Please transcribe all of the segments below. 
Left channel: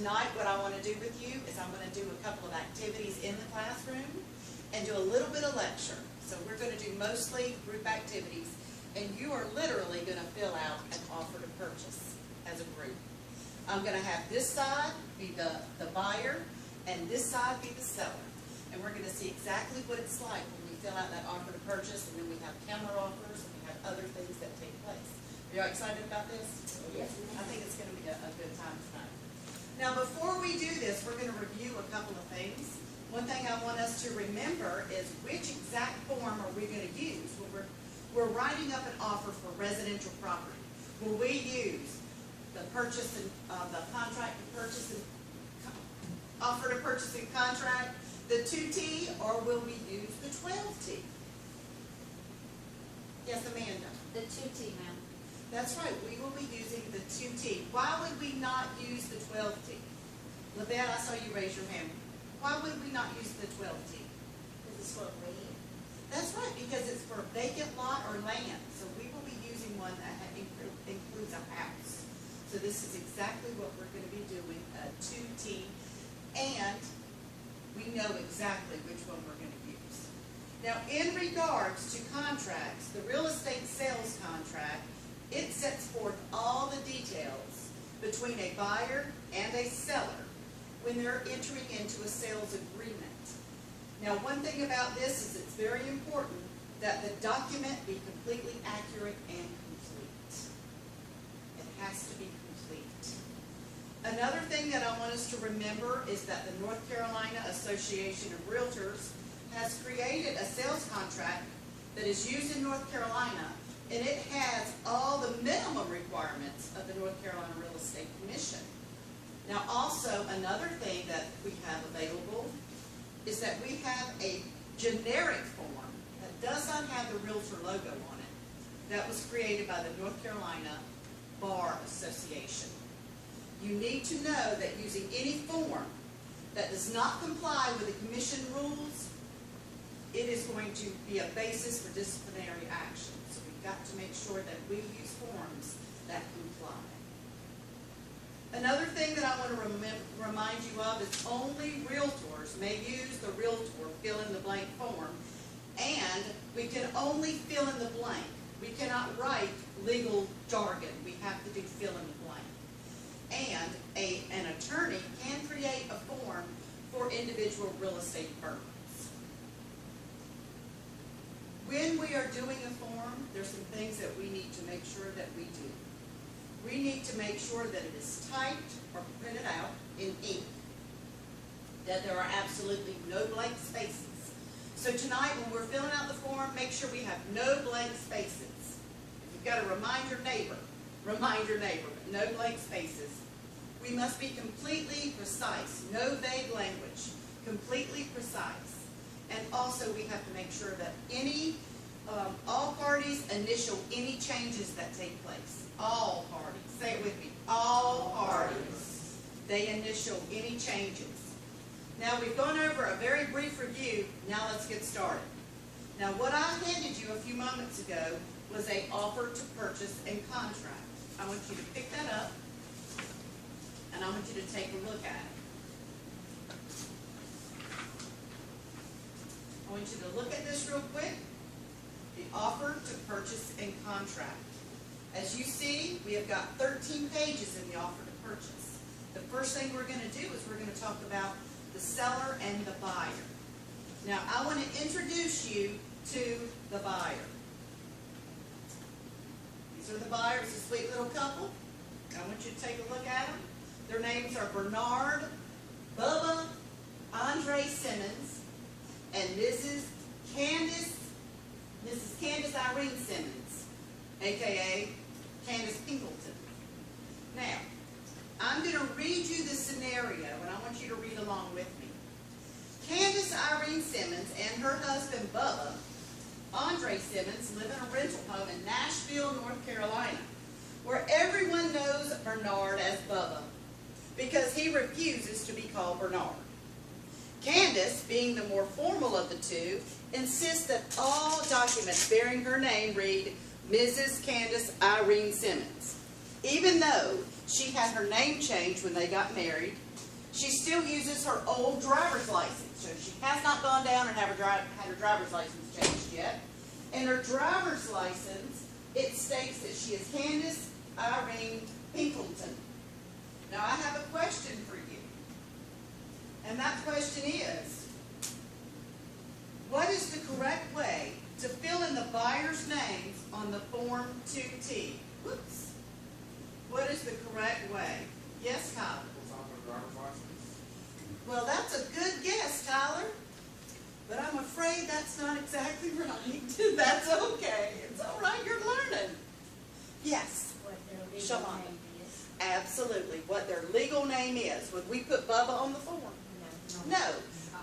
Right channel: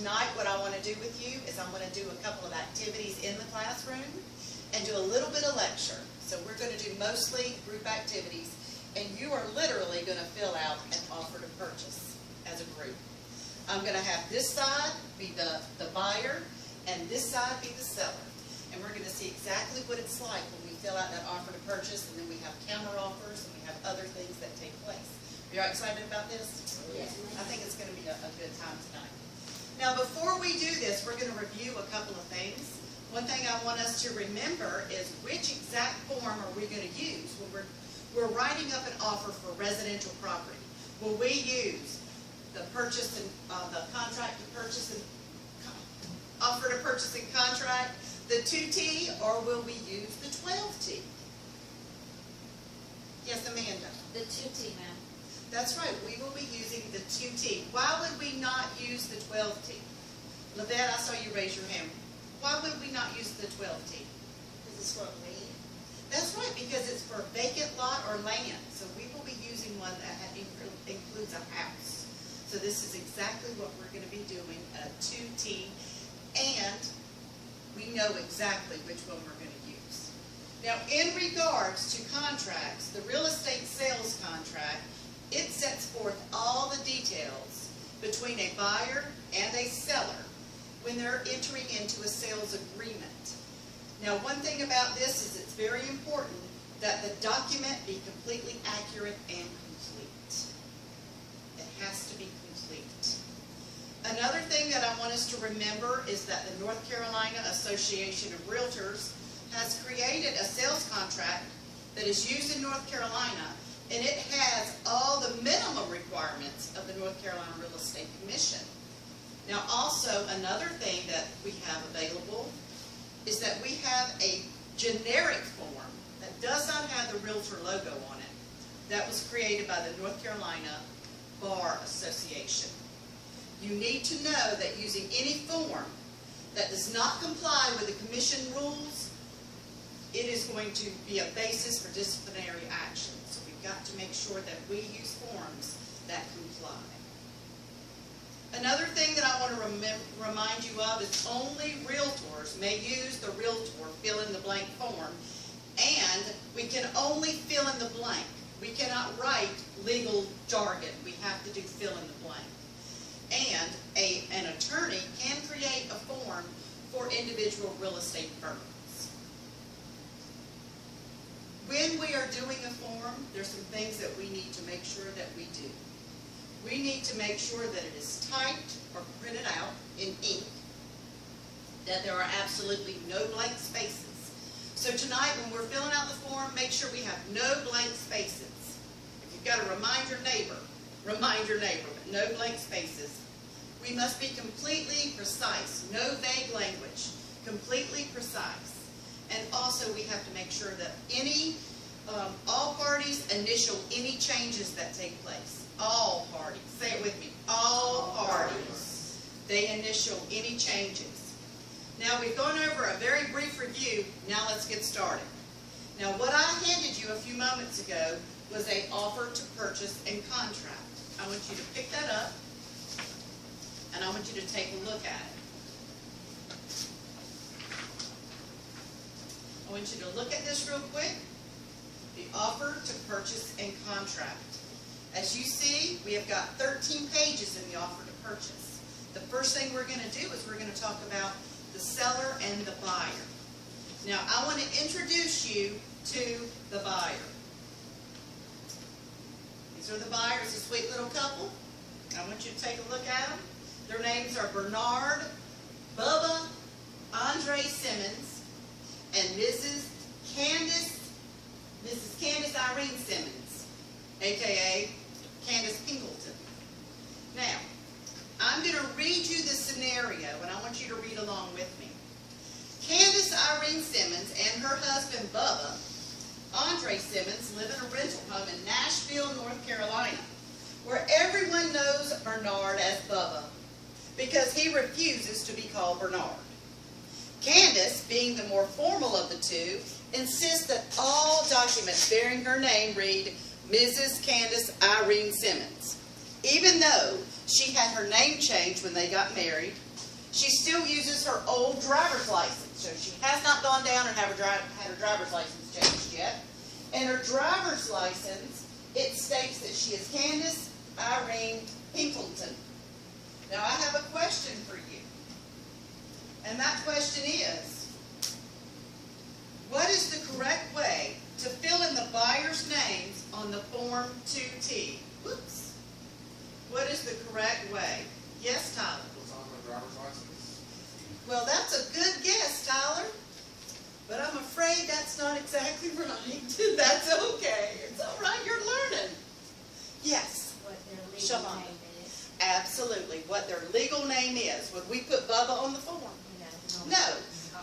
tonight what I want to do with you is I want to do a couple of activities in the classroom and do a little bit of lecture. So we're going to do mostly group activities, and you are literally going to fill out an offer to purchase as a group. I'm going to have this side be the buyer and this side be the seller. And we're going to see exactly what it's like when we fill out that offer to purchase, and we have counter offers, and we have other things that take place. Are you all excited about this? Yes, I think it's going to be a good time tonight. Now, before we do this, we're going to review a couple of things. One thing I want us to remember is which exact form are we going to use when we're writing up an offer for residential property. Will we use the purchase and the contract to purchase and offer to purchase and contract, the 2T, or will we use the 12T? Yes, Amanda? The 2T, ma'am. That's right. We will be using the 2T. Why would we not use the 12T? Lavette, I saw you raise your hand. Why would we not use the 12T? Because it's for land. That's right, because it's for vacant lot or land. So we will be using one that includes a house. So this is exactly what we're going to be doing, a 2T. And we know exactly which one we're going to use. Now, in regards to contracts, the real estate sales contract, it sets forth all the details between a buyer and a seller when they're entering into a sales agreement. Now, one thing about this is it's very important that the document be completely accurate and complete. It has to be complete. Another thing that I want us to remember is that the North Carolina Association of Realtors has created a sales contract that is used in North Carolina, and it has all the minimum requirements of the North Carolina Real Estate Commission. Now, also, another thing that we have available is that we have a generic form that does not have the Realtor logo on it that was created by the North Carolina Bar Association. You need to know that using any form that does not comply with the commission rules, it is going to be a basis for disciplinary action. So we've got to make sure that we use forms that comply. Another thing that I want to remind you of is only realtors may use the realtor fill-in-the-blank form, and we can only fill in the blank. We cannot write legal jargon. We have to do fill-in-the-blank. And an attorney can create a form for individual real estate firms. When we are doing a form, there's some things that we need to make sure that we do. We need to make sure that it is typed or printed out in ink, that there are absolutely no blank spaces. So tonight, when we're filling out the form, make sure we have no blank spaces. If you've got to remind your neighbor, but no blank spaces. We must be completely precise, no vague language, completely precise. And also, we have to make sure that all parties initial any changes that take place. All parties. Say it with me. All parties. They initial any changes. Now, we've gone over a very brief review. Now, let's get started. Now, what I handed you a few moments ago was an offer to purchase and contract. I want you to pick that up, and I want you to take a look at it. I want you to look at this real quick. The offer to purchase and contract. As you see, we have got 13 pages in the offer to purchase. The first thing we're going to do is we're going to talk about the seller and the buyer. Now, I want to introduce you to the buyer. These are the buyers, a sweet little couple. I want you to take a look at them. Their names are Bernard, Bubba, Andre Simmons, and Mrs. Candace Irene Simmons, a.k.a. Candace Pinkleton. Now, I'm going to read you the scenario, and I want you to read along with me. Candace Irene Simmons and her husband, Bubba, Andre Simmons, live in a rental home in Nashville, North Carolina, where everyone knows Bernard as Bubba because he refuses to be called Bernard. Candace, being the more formal of the two, insists that all documents bearing her name read Mrs. Candace Irene Simmons, even though she had her name changed when they got married She still uses her old driver's license, so she has not gone down and had her driver's license changed yet. And her driver's license, it states that she is Candace Irene Pinkleton. Now I have a question for you, and that question is, what is the correct way to fill in the buyer's names on the Form 2T? Whoops. What is the correct way? Yes, Tyler? What's on my driver's license? Well, that's a good guess, Tyler. But I'm afraid that's not exactly right. That's okay. It's all right. You're learning. Yes. What their legal Shalom. name is. Absolutely. What their legal name is. Would we put Bubba on the form? No.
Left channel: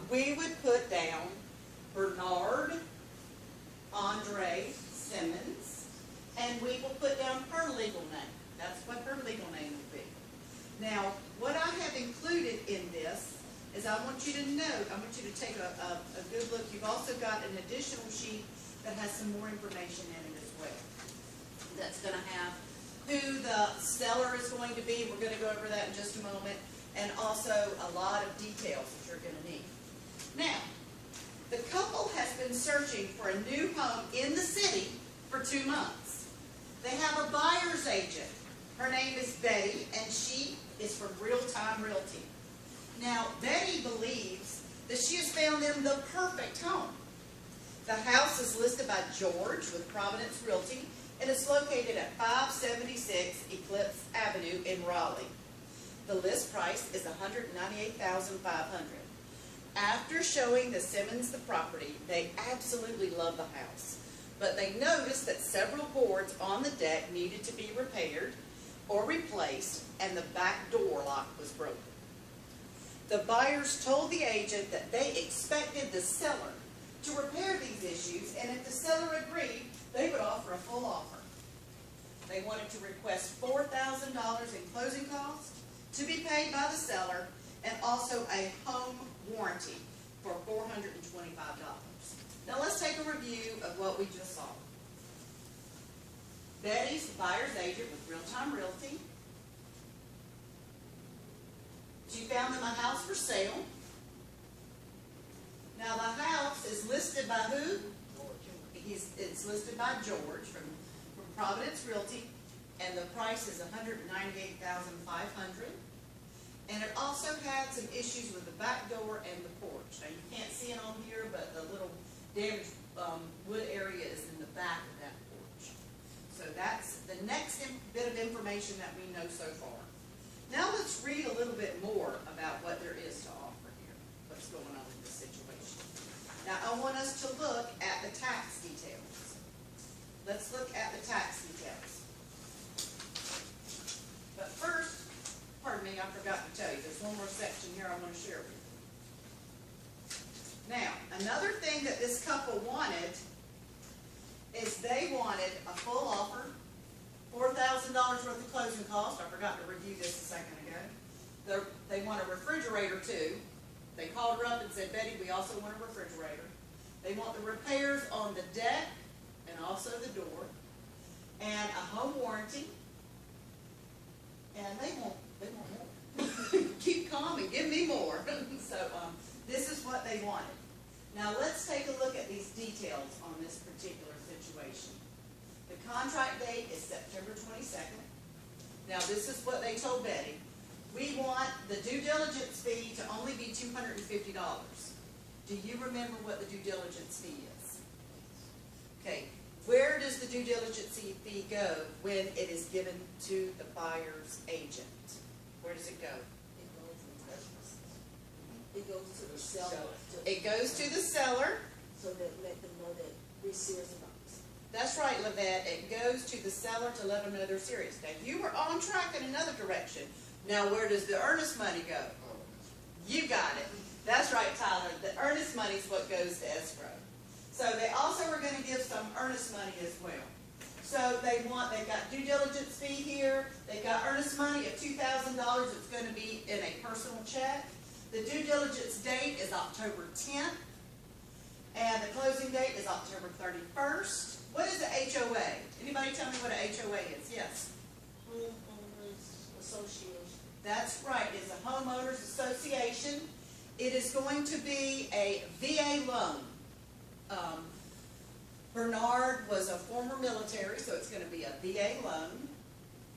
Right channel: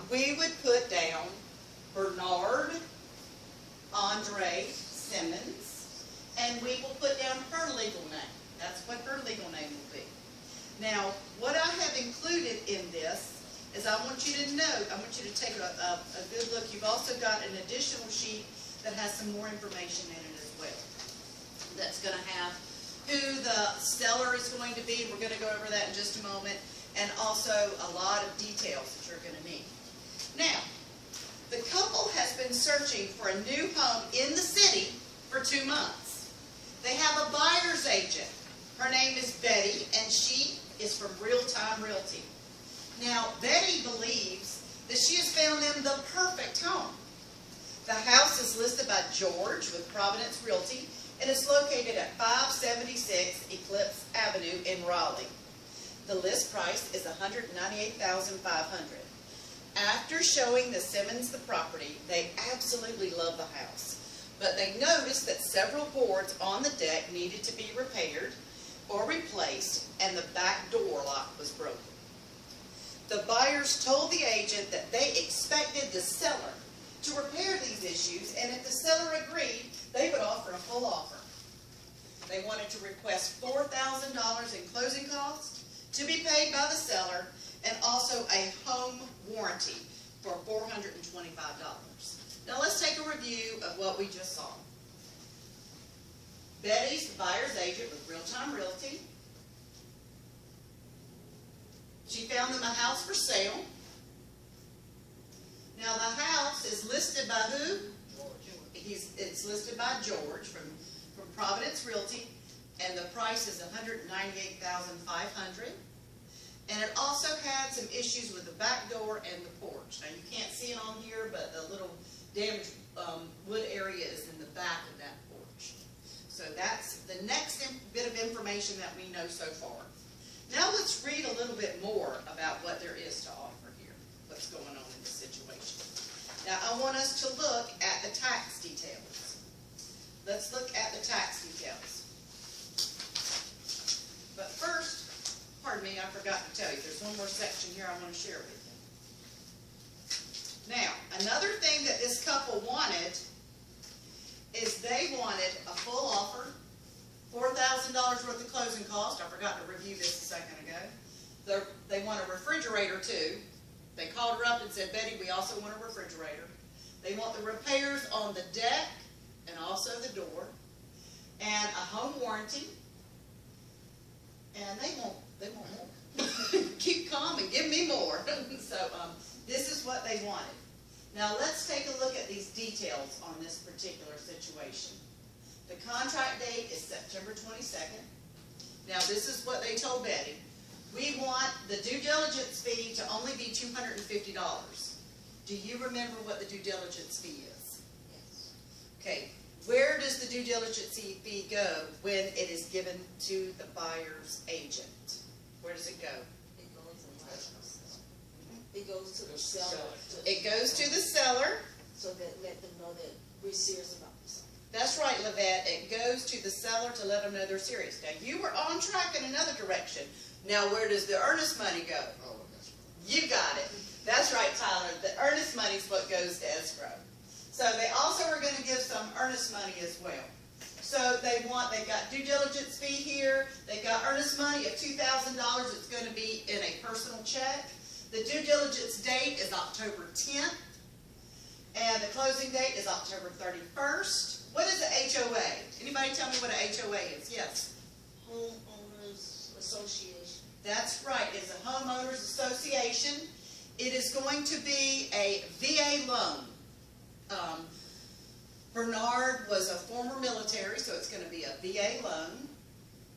We would put down Bernard Andre Simmons, and we will put down her legal name. That's what her legal name will be. Now, what I have included in this is I want you to know, I want you to take a good look. You've also got an additional sheet that has some more information in it as well. That's going to have who the seller is going to be. We're going to go over that in just a moment. And also a lot of details that you're going to need. Now, the couple has been searching for a new home in the city for 2 months. They have a buyer's agent. Her name is Betty, and she is from Real Time Realty. Now, Betty believes that she has found them the perfect home. The house is listed by George with Providence Realty and is located at 576 Eclipse Avenue in Raleigh. The list price is $198,500. After showing the Simmons the property, they absolutely love the house, but they noticed that several boards on the deck needed to be repaired or replaced, and the back door lock was broken. The buyers told the agent that they expected the seller to repair these issues, and if the seller agreed, they would offer a full offer. They wanted to request $4,000 in closing costs to be paid by the seller, and also a home warranty for $425. Now let's take a review of what we just saw. Betty's buyer's agent with Real Time Realty. She found them a house for sale. Now the house is listed by who? It's listed by George from Providence Realty, and the price is $198,500. And it also had some issues with the back door and the porch. Now you can't see it on here, but the little damaged wood area is in the back of that porch. So that's the next bit of information that we know so far. Now let's read a little bit more about what there is to offer here. What's going on in this situation. Now I want us to look at the tax details. Let's look at the tax details. But first, pardon me, I forgot to tell you, there's one more section here I want to share with you. Now, another thing that this couple wanted is they wanted a full offer, $4,000 worth of closing cost. I forgot to review this a second ago. They want a refrigerator too. They called her up and said, Betty, we also want a refrigerator. They want the repairs on the deck and also the door, and a home warranty. And they won't keep calm and give me more. So this is what they wanted. Now let's take a look at these details on this particular situation. The contract date is September 22nd. Now this is what they told Betty. We want the due diligence fee to only be $250. Do you remember what the due diligence fee is? Okay, where does the due diligence fee go when it is given to the buyer's agent? Where does it go? It goes to the seller. It goes to the seller. So that let them know that we're serious about this. That's right, Lavette. It goes to the seller to let them know they're serious. Now, you were on track in another direction. Now, where does the earnest money go? You got it. That's right, Tyler. The earnest money is what goes to escrow. So they also are going to give some earnest money as well. So they've got due diligence fee here. They've got earnest money of $2,000. It's going to be in a personal check. The due diligence date is October 10th. And the closing date is October 31st. What is the HOA? Anybody tell me what an HOA is? Yes. Homeowners Association. That's right, it's a homeowners association. It is going to be a VA loan. Bernard was a former military, so it's going to be a VA loan.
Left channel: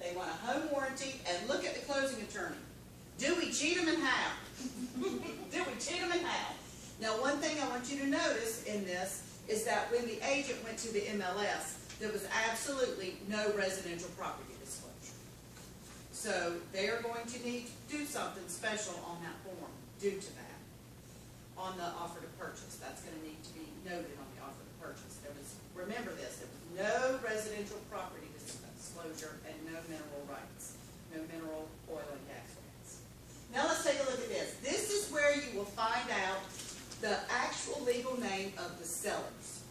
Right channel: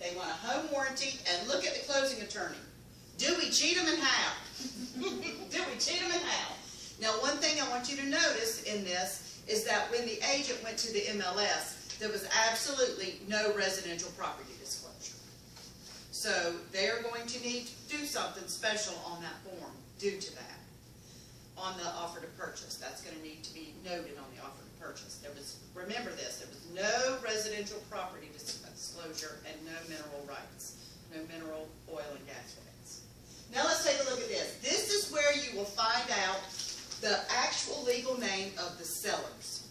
They want a home warranty, and look at the closing attorney. Dewey Cheatham and Howe. Dewey Cheatham and Howe. Now, one thing I want you to notice in this is that when the agent went to the MLS, there was absolutely no residential property disclosure. So they are going to need to do something special on that form due to that. On the offer to purchase, that's going to need to be noted on the offer to purchase. Remember this, there was no residential property disclosure and no mineral rights, no mineral oil and gas rights. Now let's take a look at this. This is where you will find out the actual legal name of the sellers.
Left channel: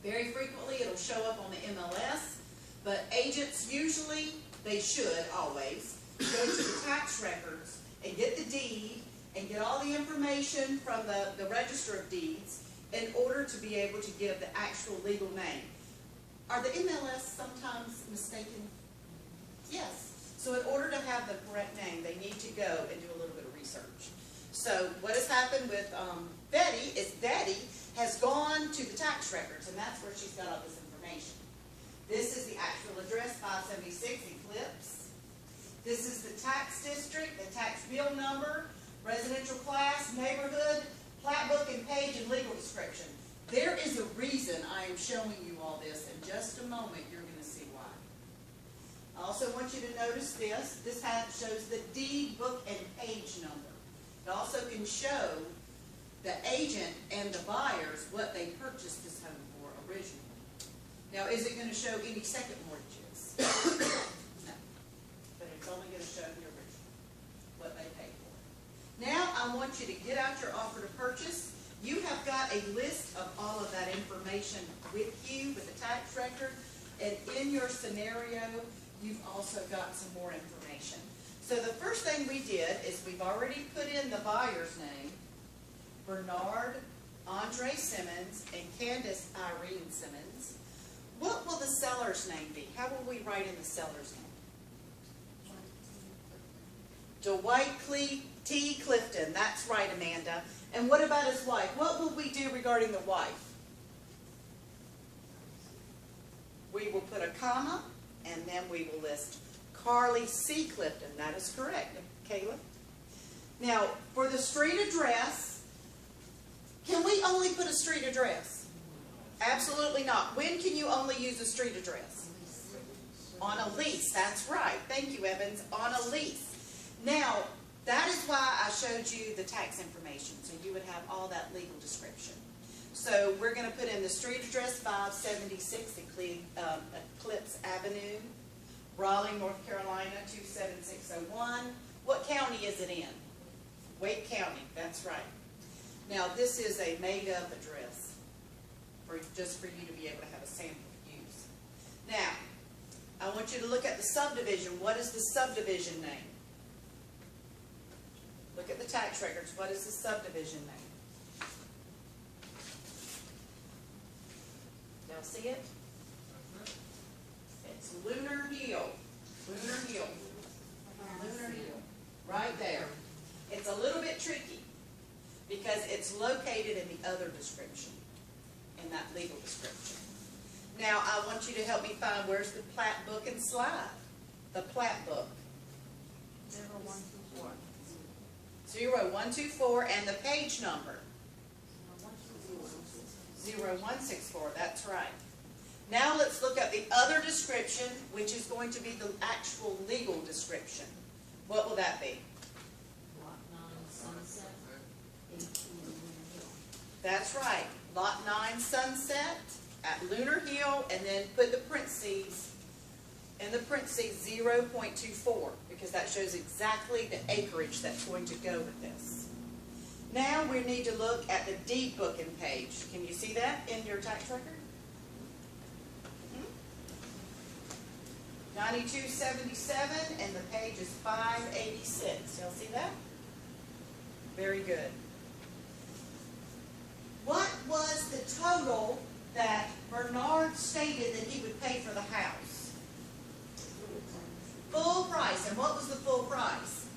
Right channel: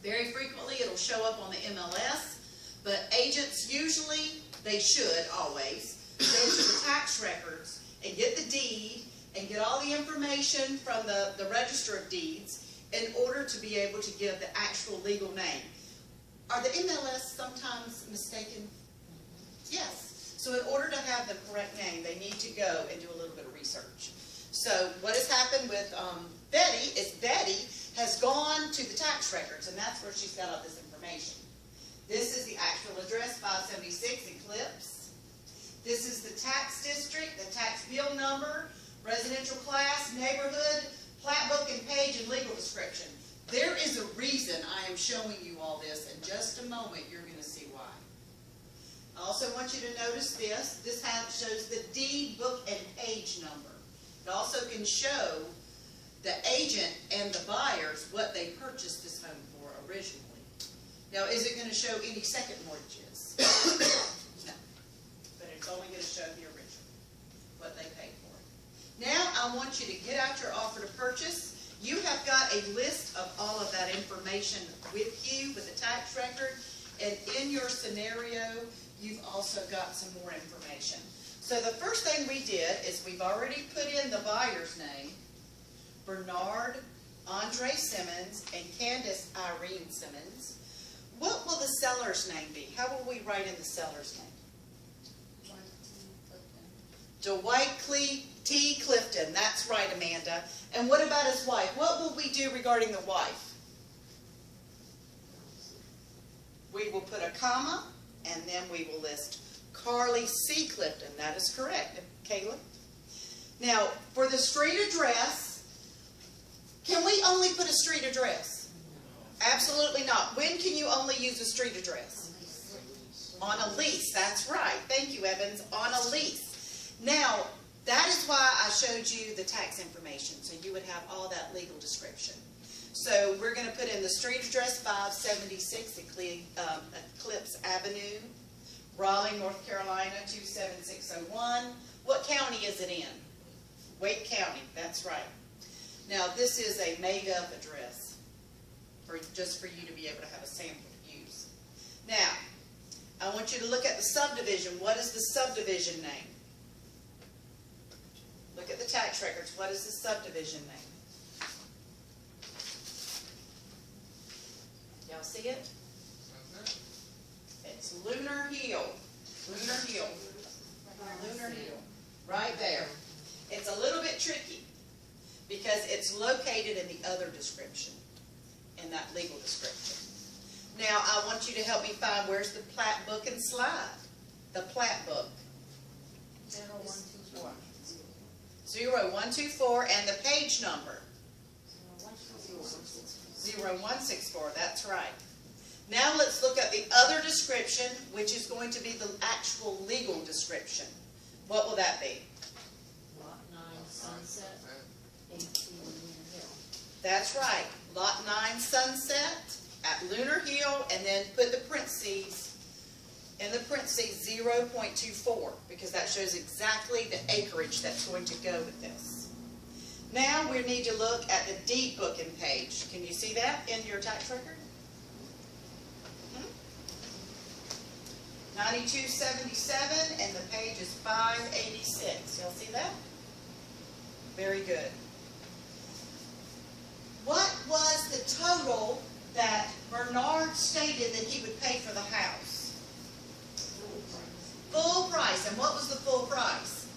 Very frequently it'll show up on the MLS, but agents usually, they should always, go to the tax records and get the deed and get all the information from the register of deeds in order to be able to give the actual legal name. Are the MLS sometimes mistaken? Yes. So in order to have the correct name, they need to go and do a little bit of research. So what has happened with Betty is Betty has gone to the tax records, and that's where she's got all this information. This is the actual address, 576 Eclipse. This is the tax district, the tax bill number, residential class, neighborhood, plat book and page, and legal description. There is a reason I am showing you all this. In just a moment, you're going to see why. I also want you to notice this. This shows the deed book and page number. It also can show the agent and the buyers what they purchased this home for originally. Now, is it going to show any second mortgages? No. But it's only going to show the original, what they paid for. Now, I want you to get out your offer to purchase. You have got a list of all of that information with you, with the tax record, and in your scenario, you've also got some more information. So the first thing we did is we've already put in the buyer's name, Bernard Andre Simmons and Candace Irene Simmons. What will the seller's name be? How will we write in the seller's name? Dwight T. Clifton. That's right, Amanda. And what about his wife? What will we do regarding the wife? We will put a comma, and then we will list Carly C. Clifton. That is correct, Caleb. Now, for the street address, can we only put a street address? Absolutely not. When can you only use a street address? On a lease. That's right. Thank you, Evans. On a lease. Now, that is why I showed you the tax information, so you would have all that legal description. So we're going to put in the street address, 576 Eclipse Avenue, Raleigh, North Carolina, 27601. What county is it in? Wake County, that's right. Now, this is a made-up address, just for you to be able to have a sample to use. Now, I want you to look at the subdivision. What is the subdivision name? Look at the tax records. What is the subdivision name? Y'all see it? It's Lunar Hill. Lunar Hill. Lunar Hill. Right there. It's a little bit tricky because it's located in the other description, in that legal description. Now, I want you to help me find where's the plat book and slide. The plat book. 0124, and the page number. 0164, that's right. Now let's look at the other description, which is going to be the actual legal description. What will that be? That's right. Lot 9 Sunset at Lunar Hill, and then put the parentheses, in the parentheses 0.24, because that shows exactly the acreage that's going to go with this. Now we need to look at the deed book and page. Can you see that in your tax record? 9277, and the page is 586. Y'all see that? Very good. What was the total that Bernard stated that he would pay for the house? Full price. And what was the full price?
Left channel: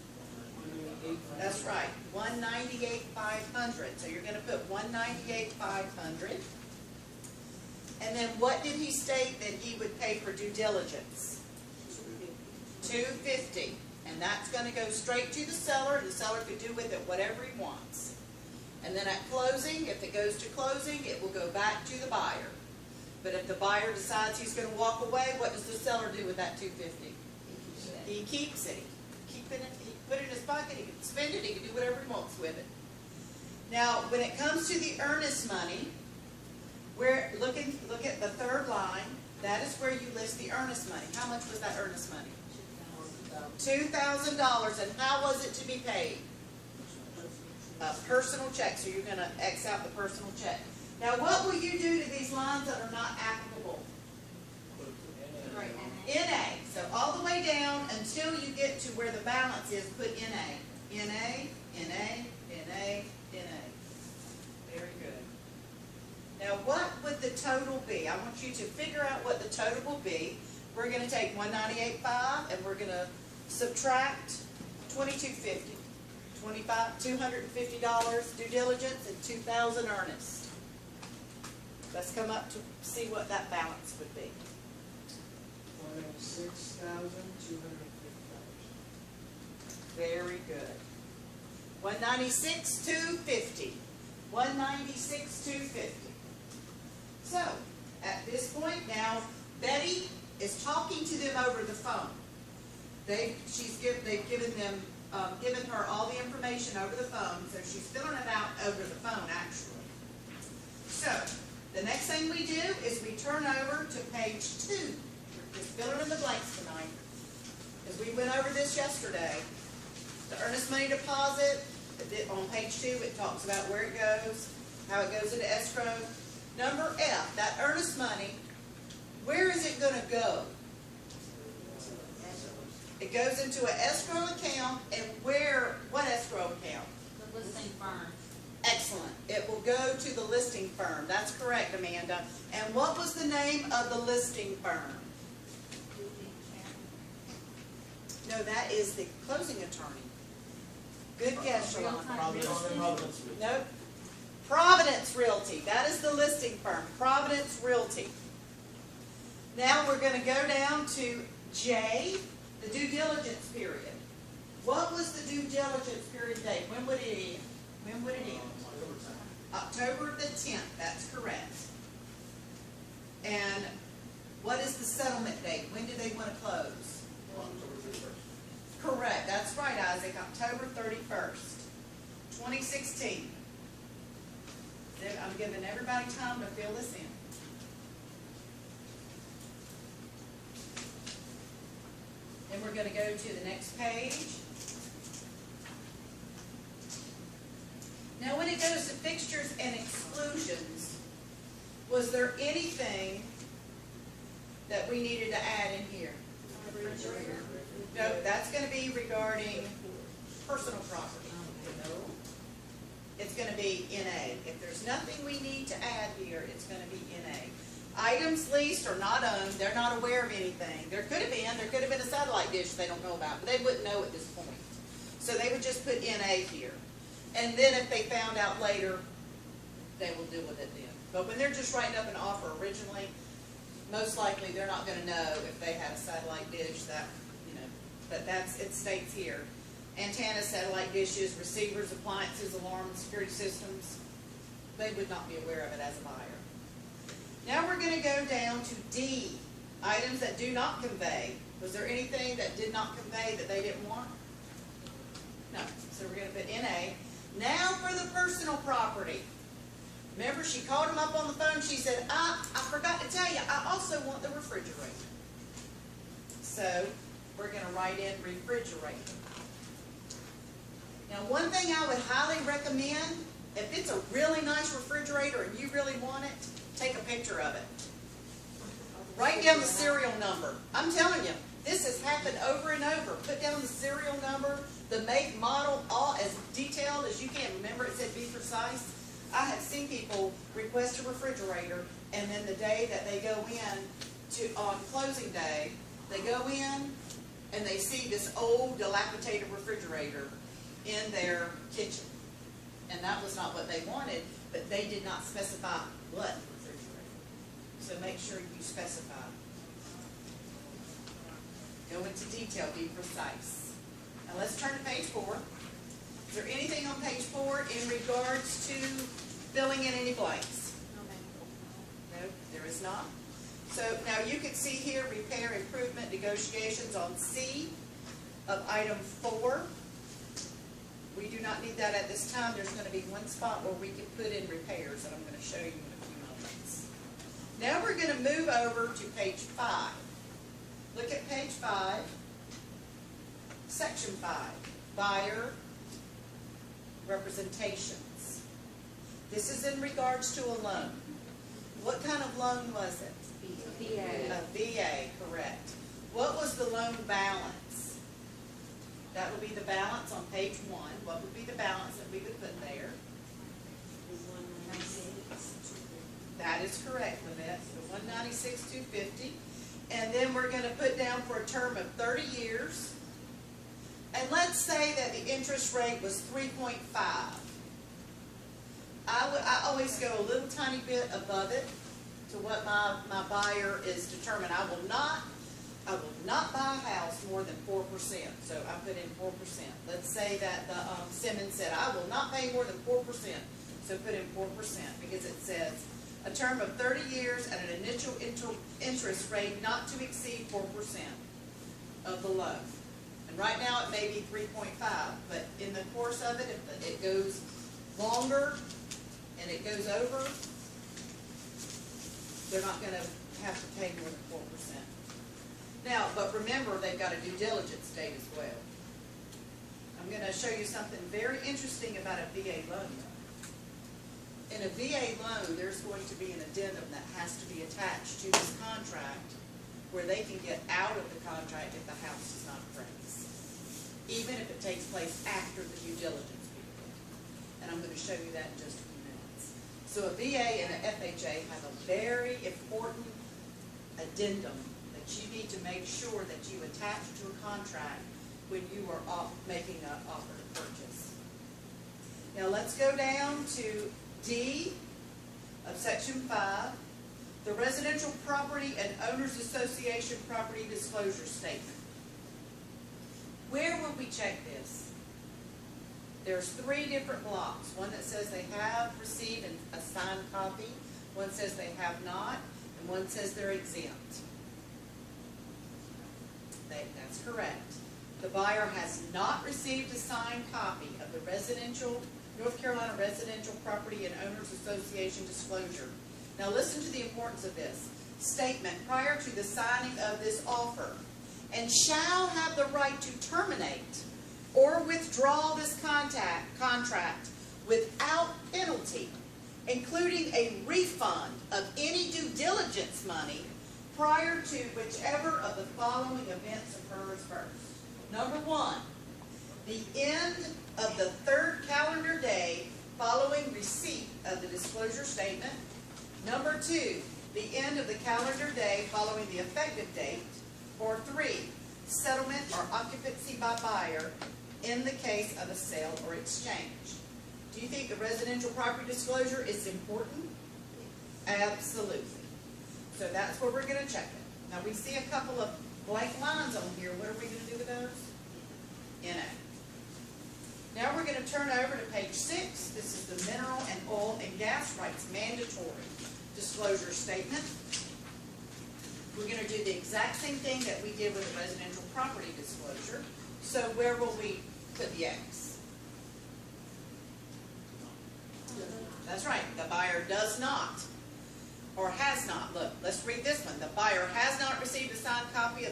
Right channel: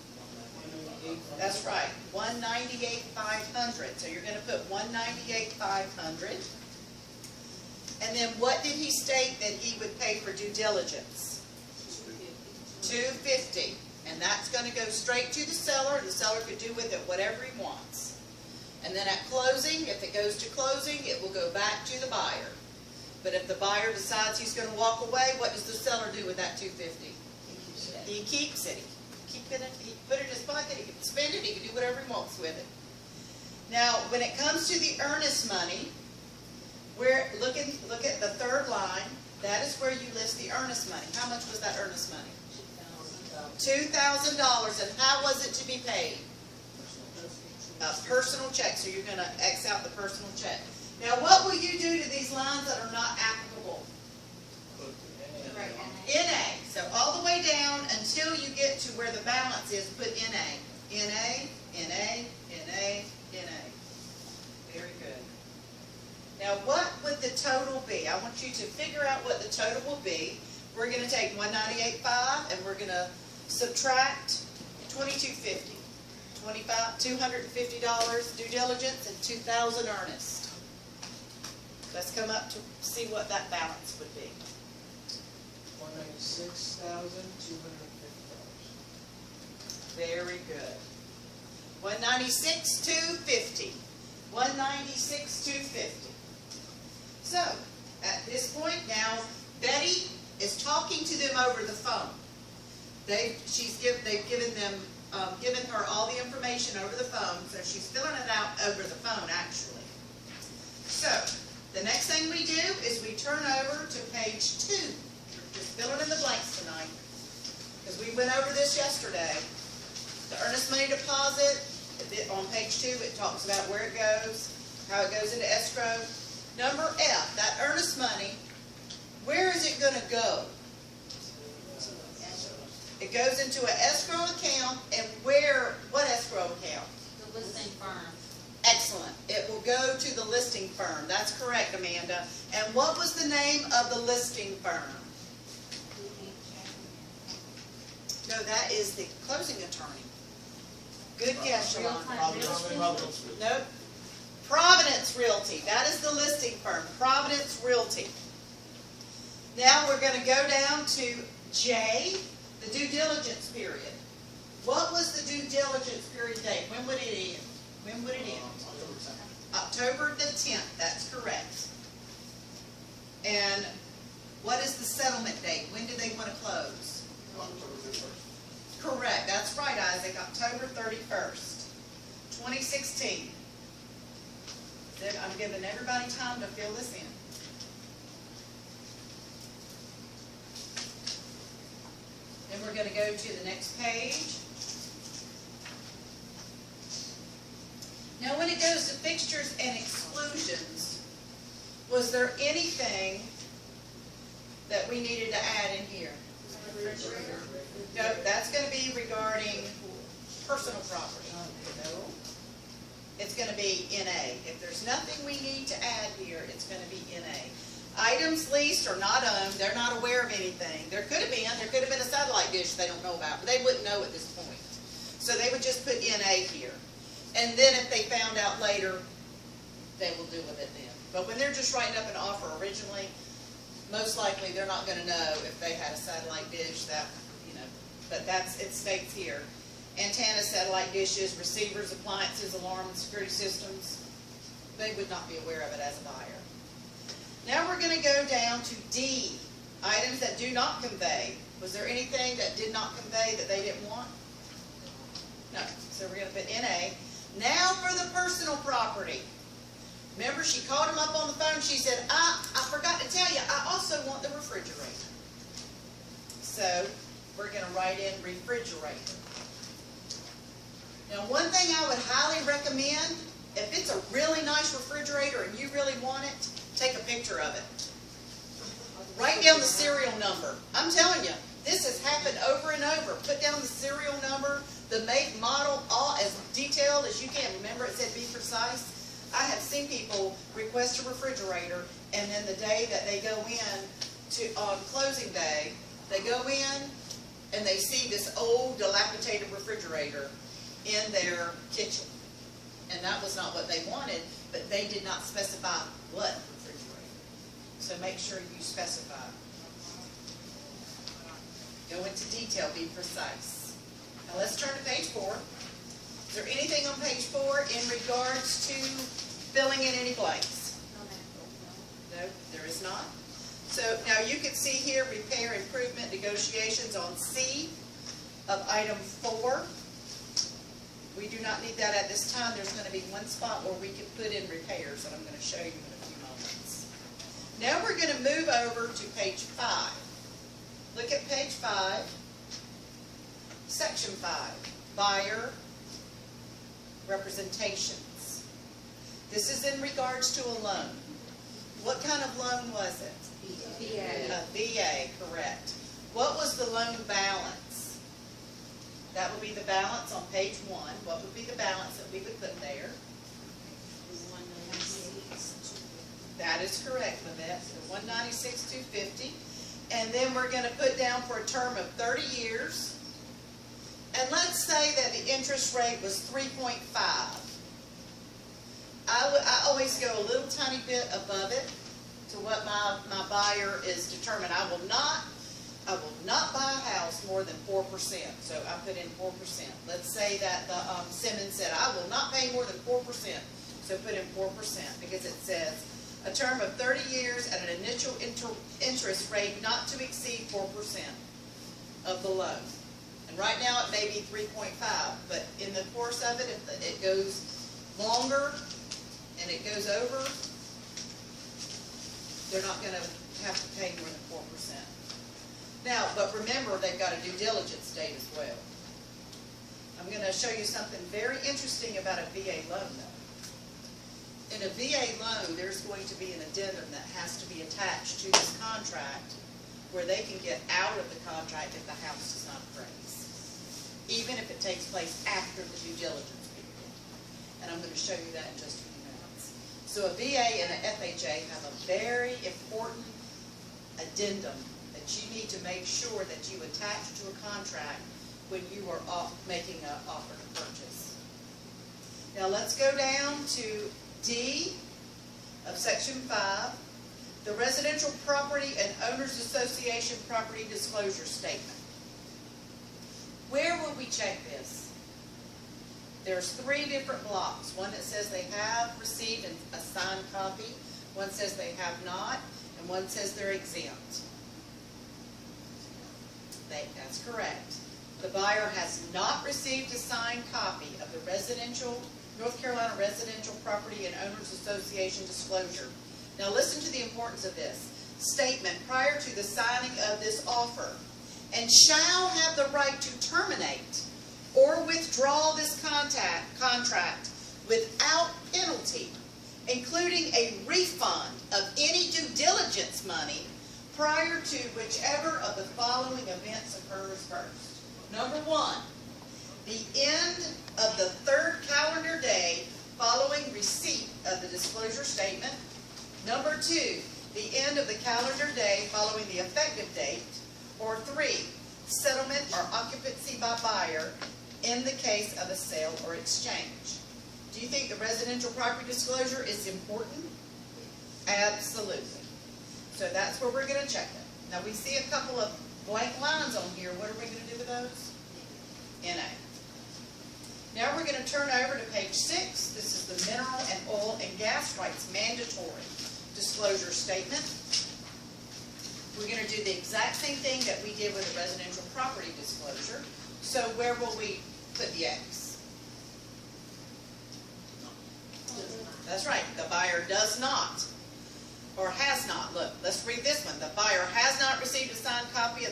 $250, and that's going to go straight to the seller, and the seller can do with it whatever he wants. And then at closing, if it goes to closing, it will go back to the buyer. But if the buyer decides he's going to walk away, what does the seller do with that $250? He keeps it. He put it in his pocket. He can spend it. He can do whatever he wants with it. Now, when it comes to the earnest money, look at the third line. That is where you list the earnest money. How much was that earnest money? $2,000. And how was it to be paid? A personal check. So you're going to X out the personal check. Now, what will you do to these lines that are not applicable? NA. So all the way down until you get to where the balance is, put NA. NA, NA, NA, NA. Very good. Now, what would the total be? I want you to figure out what the total will be. We're going to take $198.5 and we're going to subtract $22.50. $250 due diligence and $2,000 earnest. Let's come up to see what that balance would be. $196,250. Very good. $196,250. $196,250. So, at this point now, Betty is talking to them over the phone. They've given her all the information over the phone, so she's filling it out over the phone actually. So, the next thing we do is we turn over to page 2. Just filling in the blanks tonight, because we went over this yesterday. The earnest money deposit, on page 2 it talks about where it goes, how it goes into escrow. Number F, that earnest money, where is it going to go? It goes into an escrow account, and what escrow account? The listing firm. Excellent. It will go to the listing firm. That's correct, Amanda. And what was the name of the listing firm? No, that is the closing attorney. Good guess, Sean. No. Providence Realty. That is the listing firm. Providence Realty. Now we're going to go down to J, the due diligence period. What was the due diligence period date? When would it end? When would it end? October the 10th. That's correct. And what is the settlement date? When do they want to close? Correct. That's right, Isaac. October 31st, 2016. I'm giving everybody time to fill this in. And we're going to go to the next page. Now, when it goes to fixtures and exclusions, was there anything that we needed to add in here? No, that's going to be regarding personal property. It's going to be NA. If there's nothing we need to add here, it's going to be NA. Items leased or not owned, they're not aware of anything. There could have been a satellite dish they don't know about. They wouldn't know at this point. So they would just put NA here. And then if they found out later, they will do with it then. But when they're just writing up an offer originally, most likely they're not going to know if they had a satellite dish that, but it states here. Antennas, satellite dishes, receivers, appliances, alarm, and security systems. They would not be aware of it as a buyer. Now we're going to go down to D, items that do not convey. Was there anything that did not convey that they didn't want? No. So we're going to put NA. Now for the personal property. Remember, she called him up on the phone. She said, I forgot to tell you, I also want the refrigerator. So we're going to write in refrigerator. Now, one thing I would highly recommend, if it's a really nice refrigerator and you really want it, take a picture of it. Write down the serial number. I'm telling you, this has happened over and over. Put down the serial number, the make, model, all as detailed as you can. Remember, it said be precise. I have seen people request a refrigerator, and then the day that they go in on closing day, they go in and they see this old dilapidated Associations on C of item 4. We do not need that at this time. There's going to be one spot where we can put in repairs, and I'm going to show you in a few moments. Now we're going to move over to page 5. Look at page 5, section 5, buyer representations. This is in regards to a loan. What kind of loan was it? A VA, correct. What was the loan balance? That would be the balance on page 1. What would be the balance that we would put there? That is correct, Livette. 196,250. And then we're going to put down for a term of 30 years. And let's say that the interest rate was 3.5. I always go a little tiny bit above it to what my buyer is determined. I will not buy a house more than 4%. So I put in 4%. Let's say that the Simmons said, I will not pay more than 4%. So put in 4% because it says a term of 30 years at an initial interest rate not to exceed 4% of the loan. And right now it may be 3.5, but in the course of it, if it goes longer and it goes over, they're not going to have to pay more than 4%. Now, but remember, they've got a due diligence date as well. I'm going to show you something very interesting about a VA loan, though. In a VA loan, there's going to be an addendum that has to be attached to this contract where they can get out of the contract if the house does not appraise, even if it takes place after the due diligence period. And I'm going to show you that in just a few minutes. So a VA and an FHA have a very important addendum that you need to make sure that you attach to a contract when you are making an offer to purchase. Now let's go down to D of section 5, the Residential Property and Owners Association Property Disclosure Statement. Where will we check this? There's 3 different blocks. One that says they have received a signed copy, one says they have not, and one says they're exempt. That's correct. The buyer has not received a signed copy of the North Carolina Residential Property and Owners Association disclosure. Now listen to the importance of this statement prior to the signing of this offer, and shall have the right to terminate or withdraw this contract without penalty, including a refund of any due diligence money prior to whichever of the following events occurs first. Number 1, the end of the 3rd calendar day following receipt of the disclosure statement. Number 2, the end of the calendar day following the effective date. Or 3, settlement or occupancy by buyer in the case of a sale or exchange. Do you think the residential property disclosure is important? Absolutely. So that's where we're going to check it. Now we see a couple of blank lines on here. What are we going to do with those? NA. Now we're going to turn over to page 6. This is the mineral and oil and gas rights mandatory disclosure statement. We're going to do the exact same thing that we did with the residential property disclosure. So where will we put the X? That's right. The buyer does not, or has not. Look, let's read this one. The buyer has not received a signed copy of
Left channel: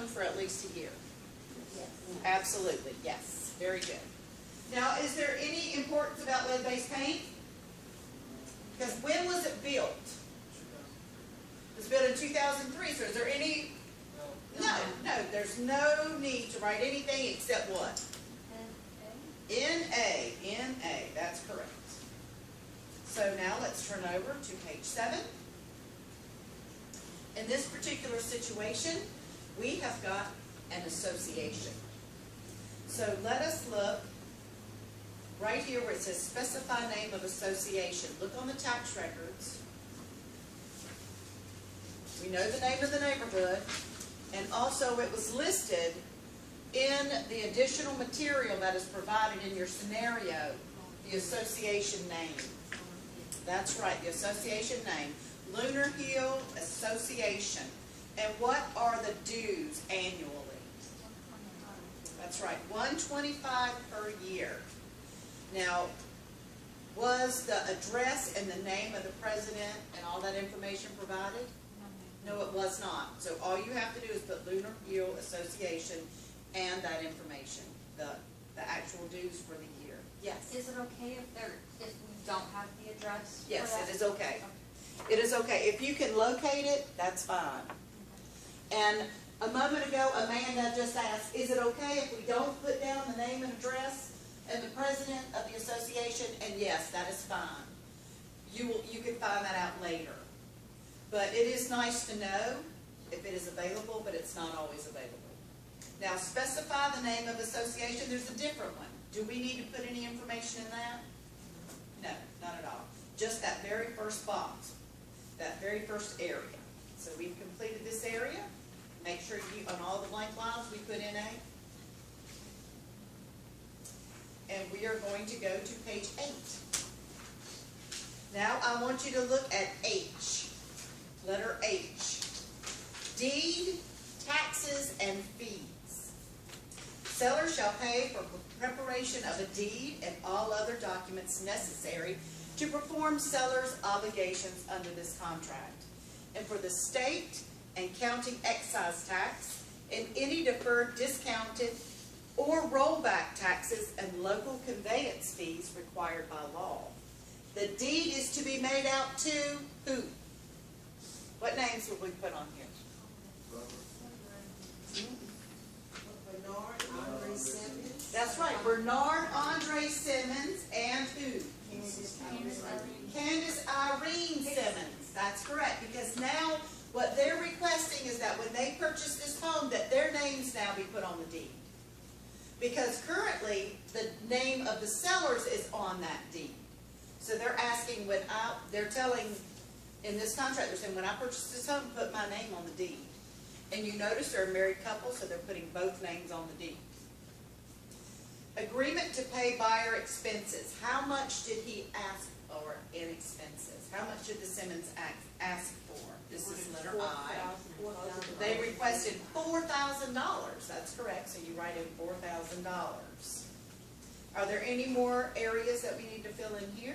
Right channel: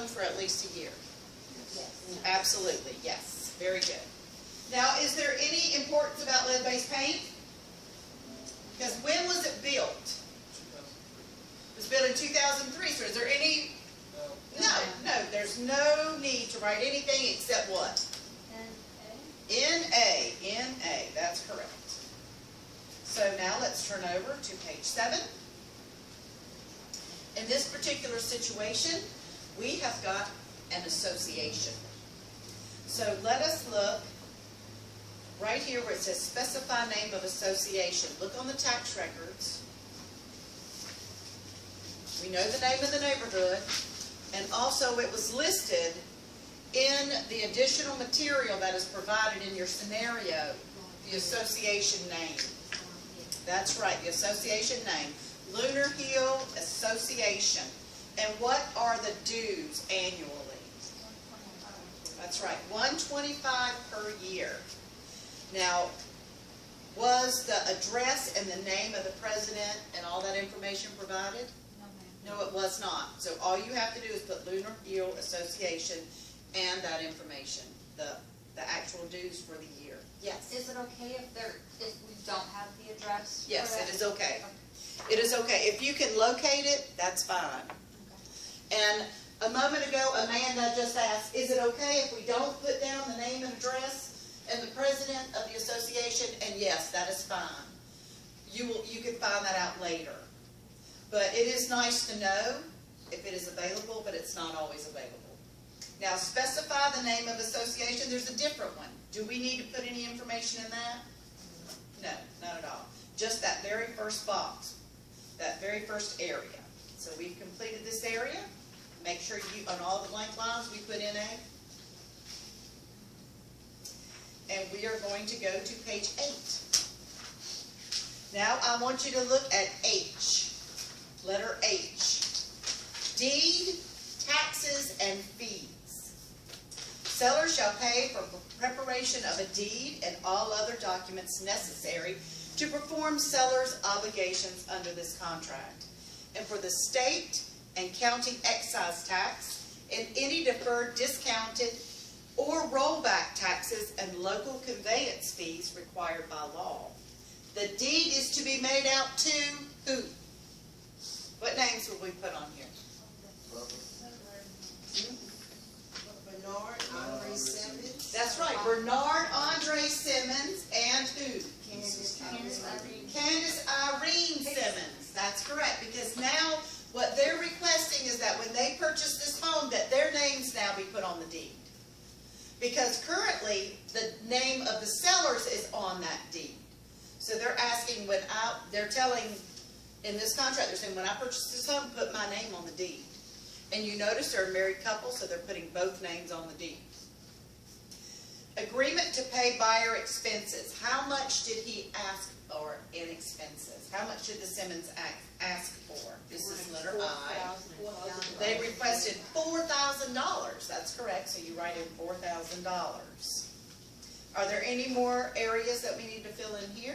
owned for at least a year. Yes. Absolutely, yes, very good. Now, is there any importance about lead-based paint? Because when was it built? It was built in 2003, so is there any? No, there's no need to write anything except what? NA, that's correct. So now let's turn over to page 7. In this particular situation, we have got an association. So let us look right here where it says specify name of association. Look on the tax records. We know the name of the neighborhood, and also it was listed in the additional material that is provided in your scenario, the association name. That's right, the association name. Lunar Hill Association. And what are the dues annually? That's right, $125 per year. Now, was the address and the name of the president and all that information provided? No, it was not. So all you have to do is put Lunar Hill Association and that information, the actual dues for the year. Yes? Is it okay if we don't have the address? Yes, it is okay. It is okay. If you can locate it, that's fine. And a moment ago, Amanda just asked, is it okay if we don't put down the name and address and the president of the association? And yes, that is fine. You can find that out later. But it is nice to know if it is available, but it's not always available. Now, specify the name of association. There's a different one. Do we need to put any information in that? No, not at all. Just that very first box, that very first area. So we've completed this area. Make sure you, on all the blank lines, we put in A. And we are going to go to page 8. Now, I want you to look at H. Letter H. Deed, taxes, and fees. Seller shall pay for preparation of a deed and all other documents necessary to perform seller's obligations under this contract, and for the state and county excise tax and any deferred, discounted, or rollback taxes and local conveyance fees required by law. The deed is to be made out to who? What names will we put on here? Bernard Andre Simmons. That's right, Bernard Andre Simmons and who? Candace Irene Simmons. That's correct, because now what they're requesting is that when they purchase this home, that their names now be put on the deed. Because currently, the name of the sellers is on that deed. So they're asking they're telling, in this contract, they're saying, when I purchase this home, put my name on the deed. And you notice they're a married couple, so they're putting both names on the deed. Agreement to pay buyer expenses. How much did he ask for in expenses? How much did the Simmons ask for? This is letter I. They requested $4,000. That's correct, so you write in $4,000. Are there any more areas that we need to fill in here?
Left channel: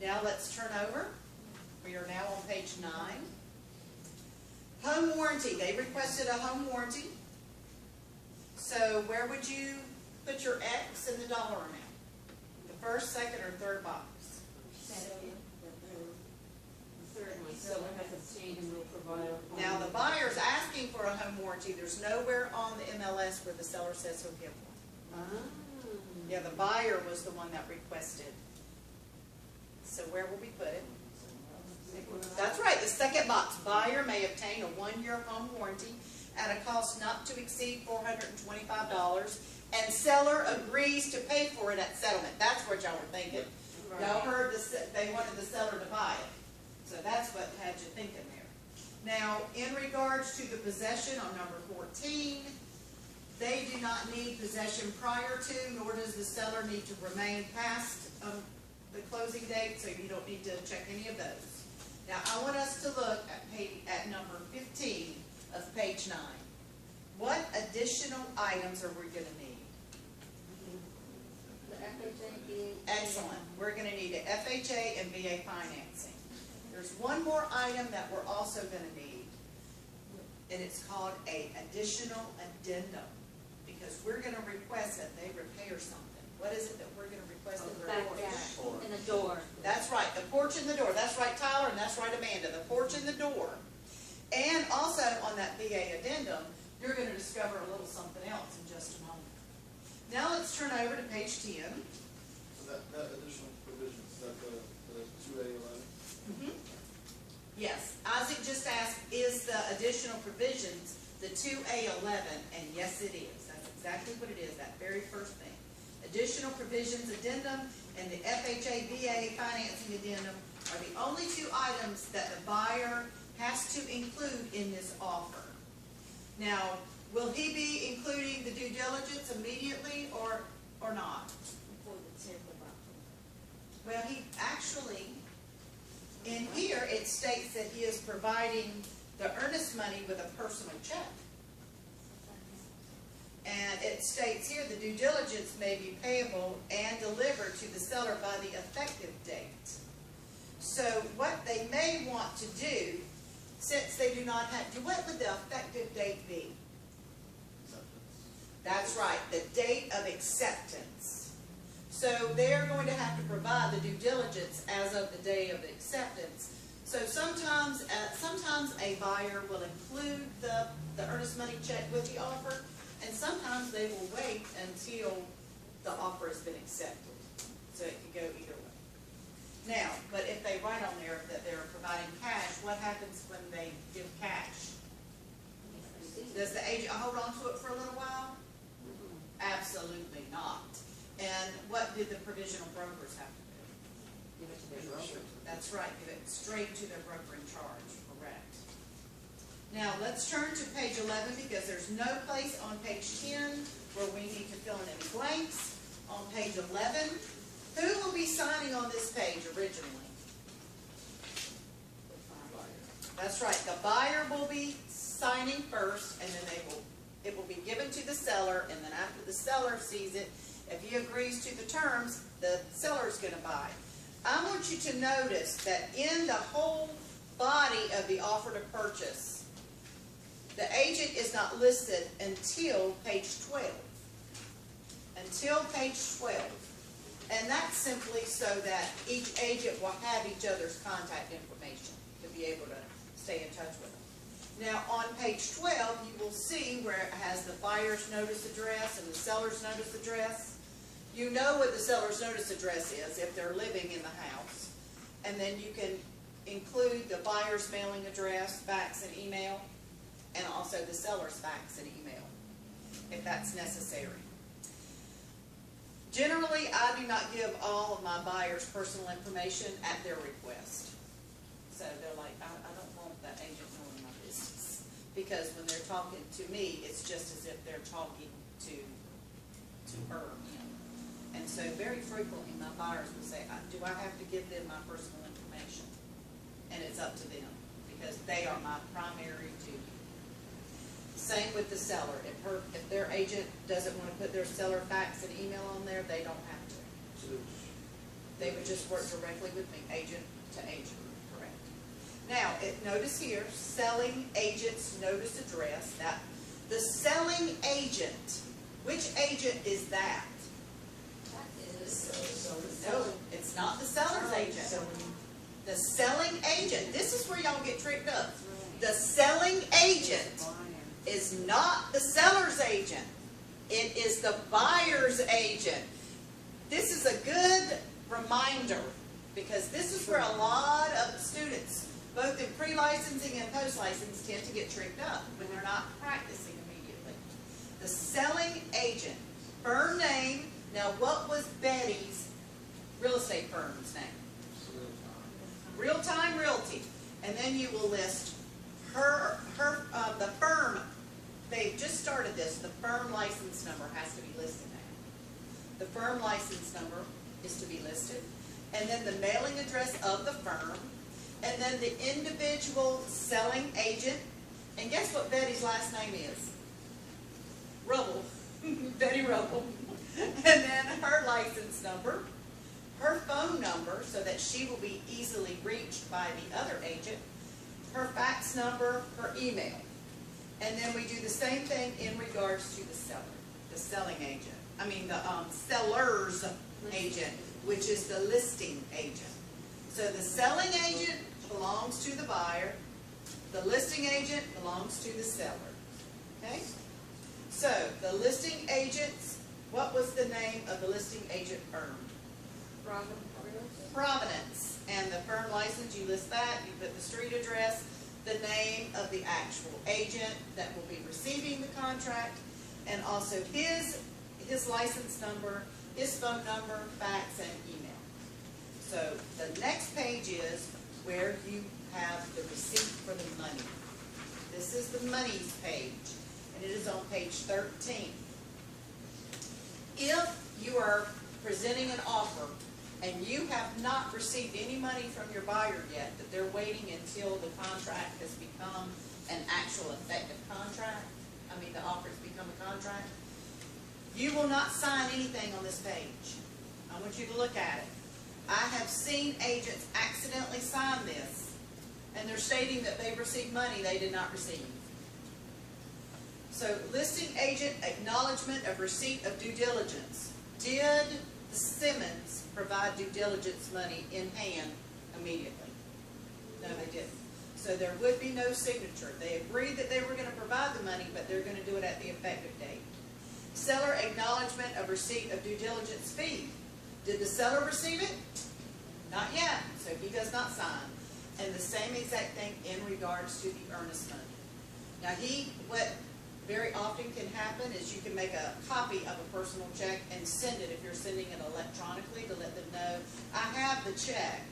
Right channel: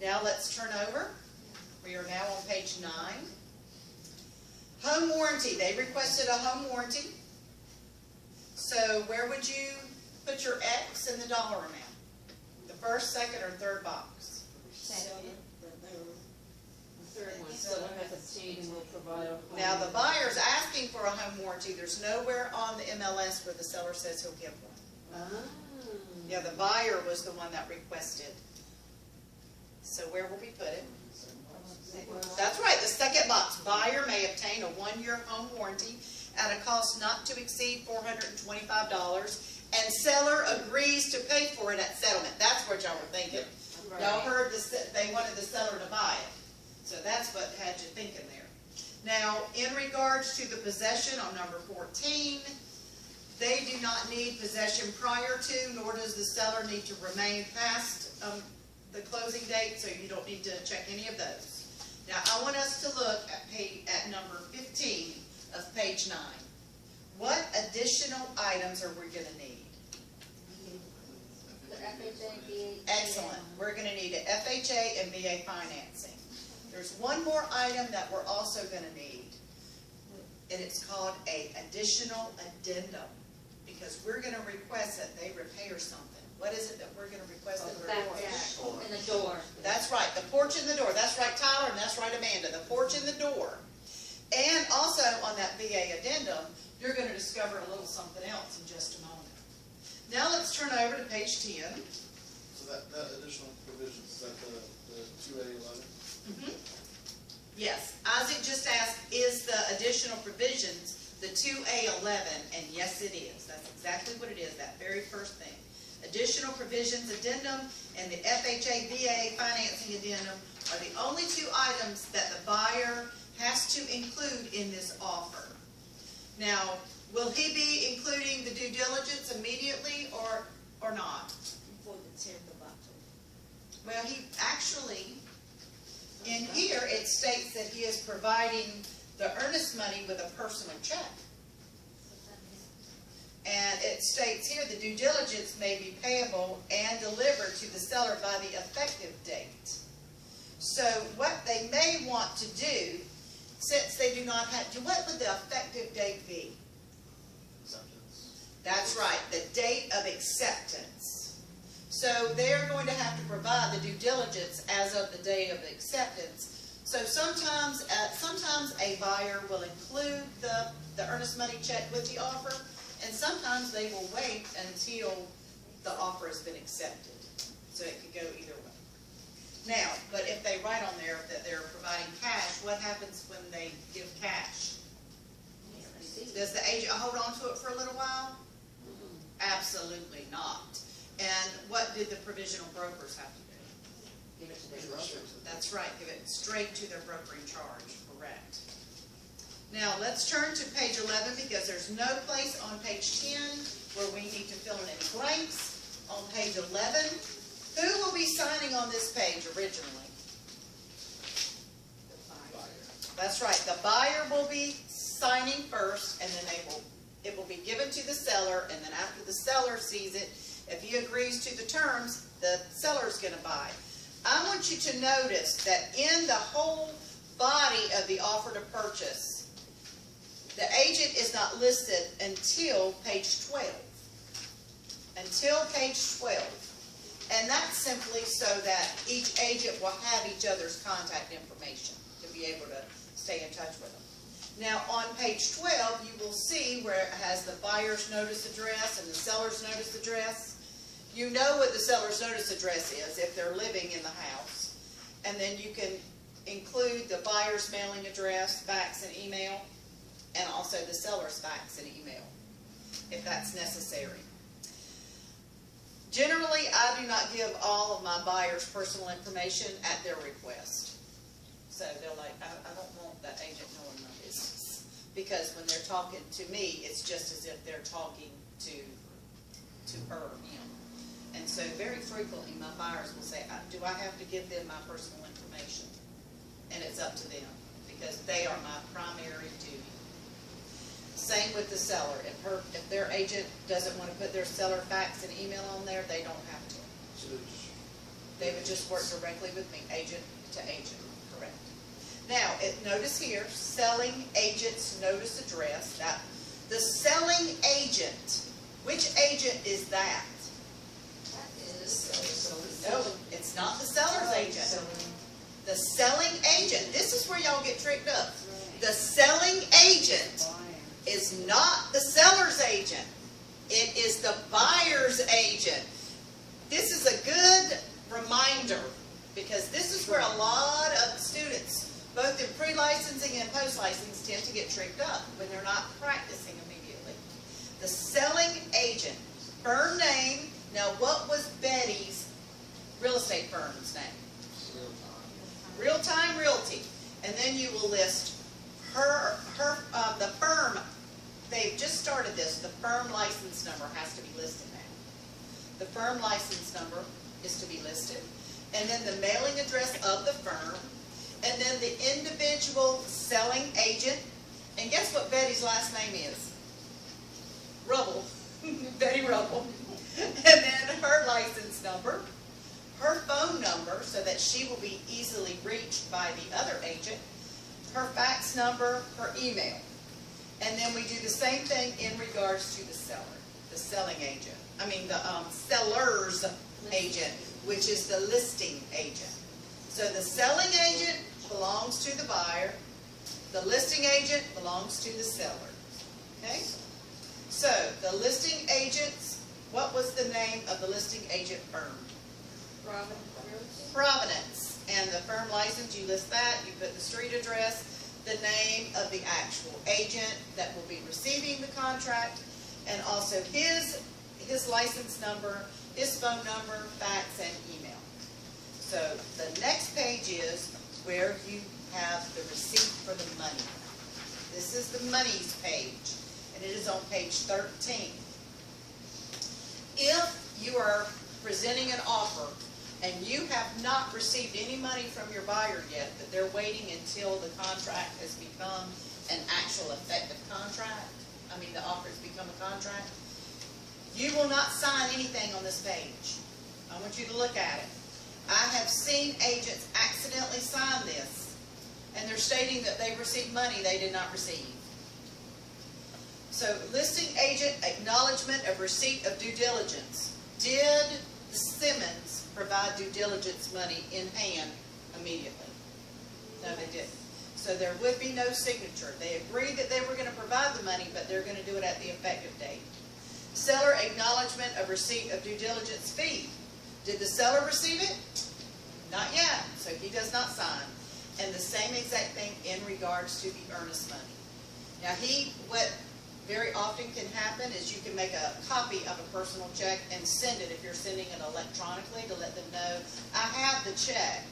Now let's turn over. We are now on page 9. Home warranty. They requested a home warranty. So where would you put your X in the dollar amount? The first, second, or third box? Second. veranda, the porch and the door. And also on that VA addendum, you're going to discover a little something else in just a moment. Now let's turn over to page 10. So that additional provisions, is that the 2A11? Yes, Isaac just asked, is the additional provisions the 2A11? And yes, it is. That's exactly what it is, that very first thing. Additional provisions addendum and the FHA VA financing addendum are the only two items that the buyer has to include in this offer. Now, will he be including the due diligence immediately or not? Well, he actually, in here, it states that he is providing the earnest money with a personal check. And it states here the due diligence may be payable and delivered to the seller by the effective date. So what they may want to do, since they do not have, what would the effective date be? Acceptance. That's right, the date of acceptance. So they're going to have to provide the due diligence as of the date of acceptance. So sometimes a buyer will include the earnest money check with the offer, and sometimes they will wait until the offer has been accepted. So it could go either way. Now, but if they write on there that they're providing cash, what happens when they give cash? Does the agent hold on to it for a little while? Absolutely not. And what did the provisional brokers have to do? That's right, give it straight to their brokering charge, correct. Now, let's turn to page 11 because there's no place on page 10 where we need to fill in any blanks. On page 11, who will be signing on this page originally? That's right, the buyer will be signing first, and then it will be given to the seller, and then after the seller sees it, if he agrees to the terms, the seller's going to buy. I want you to notice that in the whole body of the offer to purchase, the agent is not listed until page 12. Until page 12. And that's simply so that each agent will have each other's contact information to be able to stay in touch with them. Now on page 12, you will see where it has the buyer's notice address and the seller's notice address. You know what the seller's notice address is if they're living in the house. And then you can include the buyer's mailing address, fax, and email, and also the seller's fax and email, if that's necessary. Generally, I do not give all of my buyers personal information at their request. So they're like, I don't want that agent knowing my business. Because when they're talking to me, it's just as if they're talking to her, him. And so very frequently, my buyers will say, do I have to give them my personal information? And it's up to them, because they are my primary duty. Same with the seller. If their agent doesn't want to put their seller fax and email on there, they don't have to. They would just work directly with me, agent to agent, correct. Now, notice here, selling agent's notice address. Now, the selling agent, which agent is that? That is. No, it's not the seller's agent. The selling agent, this is where y'all get tricked up. The selling agent is not the seller's agent. It is the buyer's agent. This is a good reminder because this is where a lot of students, both in pre-licensing and post-license, tend to get tricked up when they're not practicing immediately. The selling agent, firm name. Now, what was Betty's real estate firm's name? Real Time Realty. And then you will list the firm. They've just started this. The firm license number has to be listed now. The firm license number is to be listed. And then the mailing address of the firm. And then the individual selling agent. And guess what Betty's last name is? Rubble. Betty Rubble. And then her license number. Her phone number, so that she will be easily reached by the other agent. Her fax number, her email. And then we do the same thing in regards to the seller, the selling agent. I mean the seller's agent, which is the listing agent. So the selling agent, belongs to the buyer. The listing agent belongs to the seller. Okay? So, the listing agents, what was the name of the listing agent firm? Providence. And the firm license, you list that, you put the street address, the name of the actual agent that will be receiving the contract, and also his license number, his phone number, fax, and email. So the next page is where you have the receipt for the money. This is the monies page, and it is on page 13. If you are presenting an offer and you have not received any money from your buyer yet, but they're waiting until the contract has become an actual effective contract, the offer's become a contract, you will not sign anything on this page. I want you to look at it. I have seen agents accidentally sign this, and they're stating that they received money they did not receive. So, listing agent acknowledgement of receipt of due diligence. Did Simmons provide due diligence money in hand immediately? No, they didn't. So there would be no signature. They agreed that they were going to provide the money, but they're going to do it at the effective date. Seller acknowledgement of receipt of due diligence fee. Did the seller receive it? Not yet, so he does not sign. And the same exact thing in regards to the earnest money. Now what very often can happen is you can make a copy of a personal check and send it if you're sending it electronically to let them know, I have the check.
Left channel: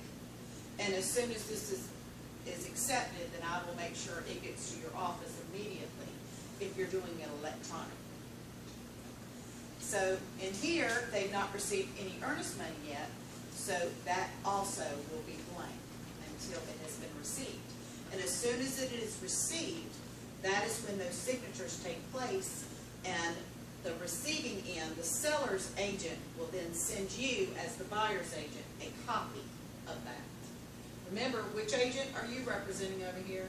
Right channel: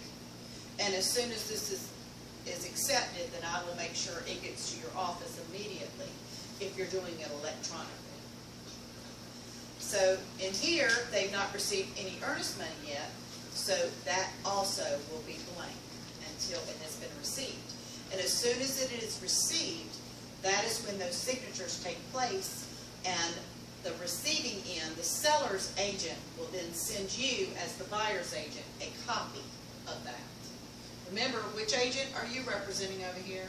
And as soon as this is accepted, then I will make sure it gets to your office immediately if you're doing it electronically. So in here, they've not received any earnest money yet, so that also will be blank until it has been received. And as soon as it is received, that is when those signatures take place, and the receiving end, the seller's agent, will then send you, as the buyer's agent, a copy of that. Remember, which agent are you representing over here?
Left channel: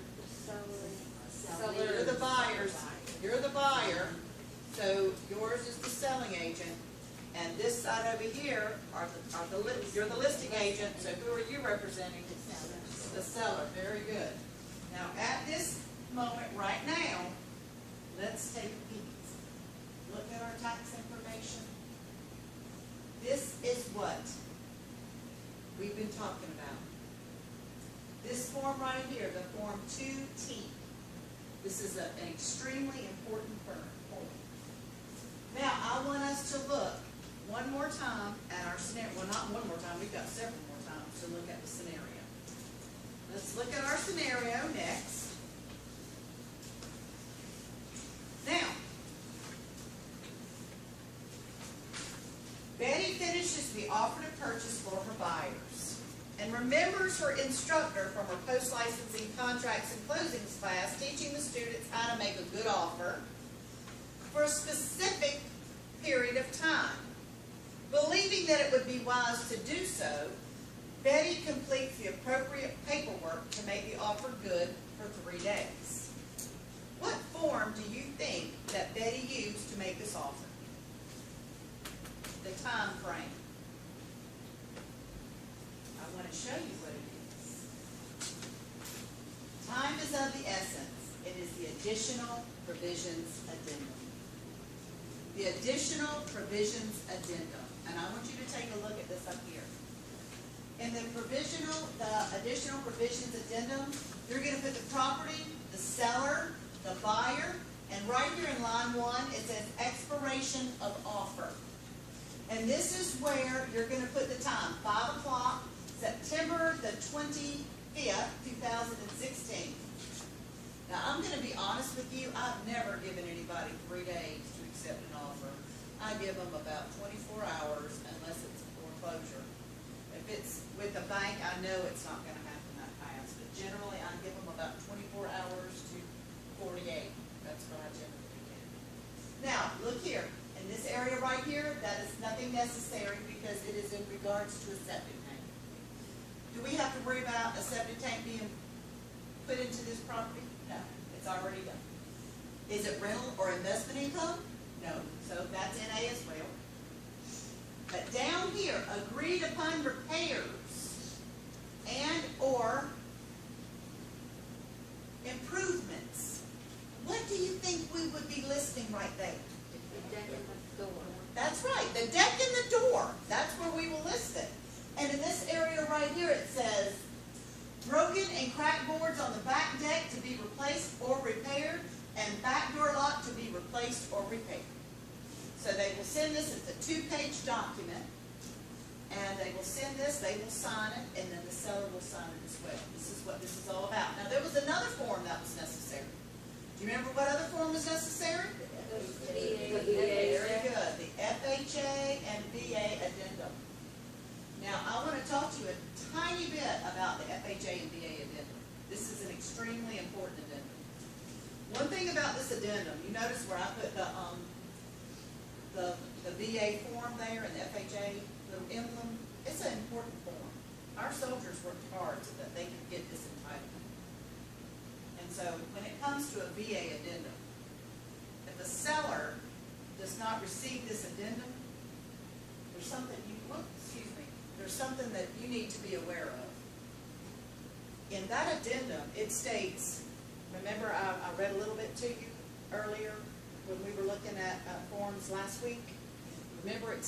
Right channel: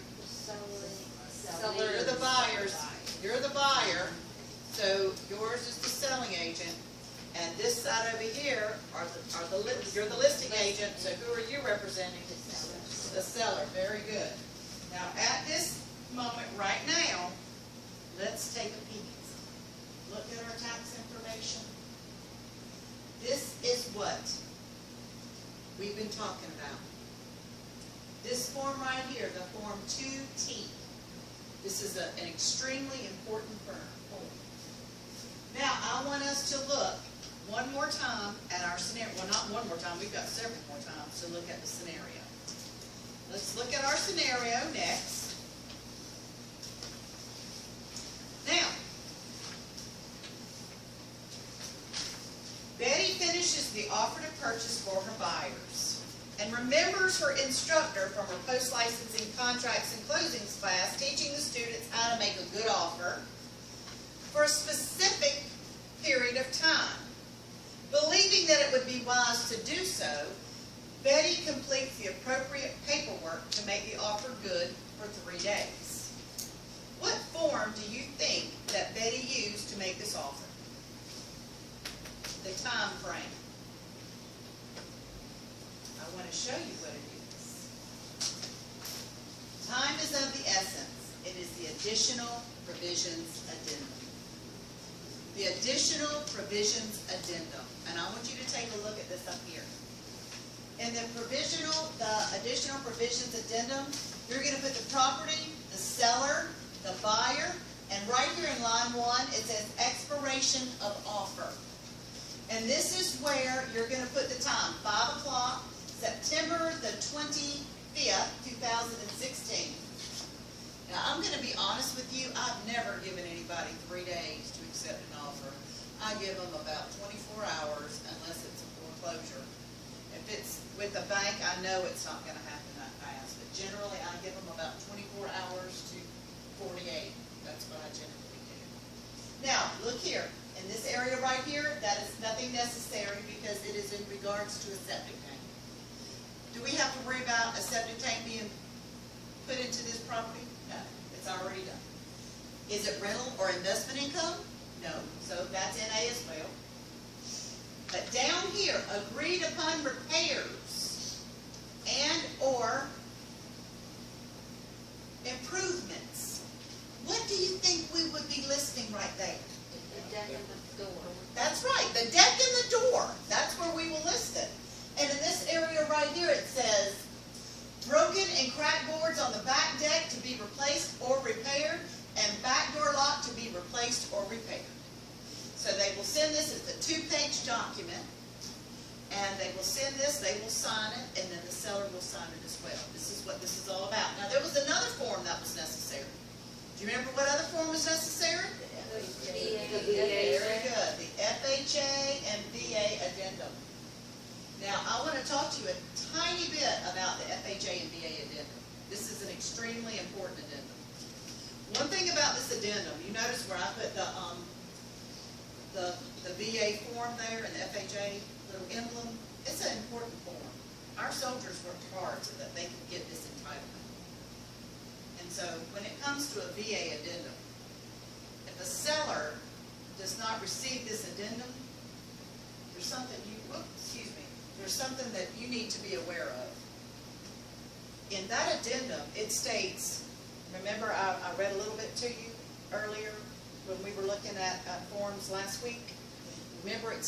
You're the buyers. You're the buyer. So yours is the selling agent, and this side over here you're the listing agent. So who are you representing? The seller. Very good. Now at this moment right now, let's take a peek. Look at our tax information. This is what we've been talking about. This form right here, the Form 2T, this is an extremely important form. Now, I want us to look one more time at our scenario. Well, not one more time, we've got several more times to look at the scenario. Let's look at our scenario next. Now, Betty finishes the offer to purchase for her buyers and remembers her instructor from her post-licensing contracts and closings class teaching the students how to make a good offer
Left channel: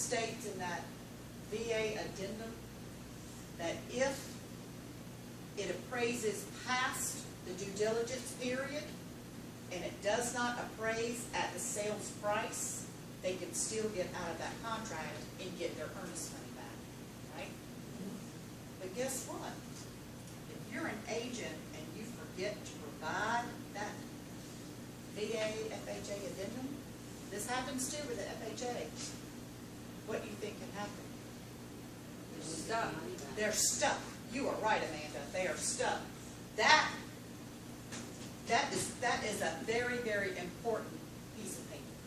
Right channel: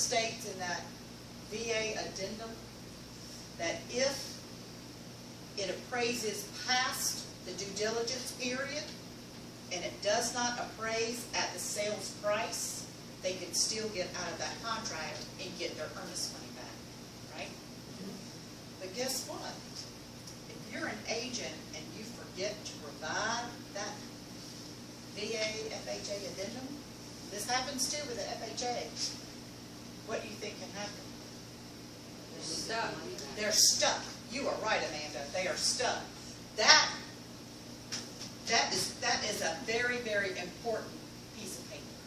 states in that VA addendum that if it appraises past the due diligence period and it does not appraise at the sales price, they can still get out of that contract and get their earnest money back, right? But guess what? If you're an agent and you forget to provide that VA FHA addendum, and this happens too with the FHA, what do you think can happen? They're stuck. You are right, Amanda. They are stuck. That is a very, very important piece of paper.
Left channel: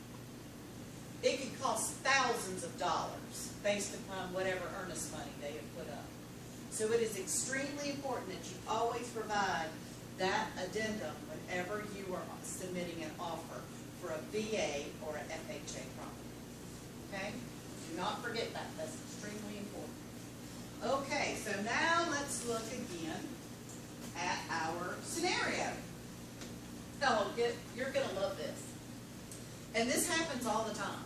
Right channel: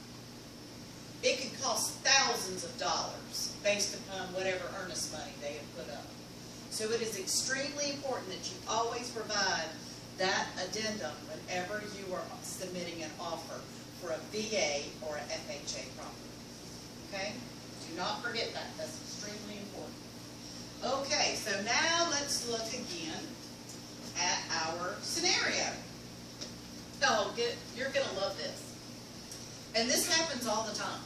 It can cost thousands of dollars based upon whatever earnest money they have put up. So it is extremely important that you always provide that addendum whenever you are submitting an offer for a VA or an FHA property. Okay? Do not forget that. That's extremely important. Okay, so now let's look again at our scenario. Oh, you're going to love this. And this happens all the time.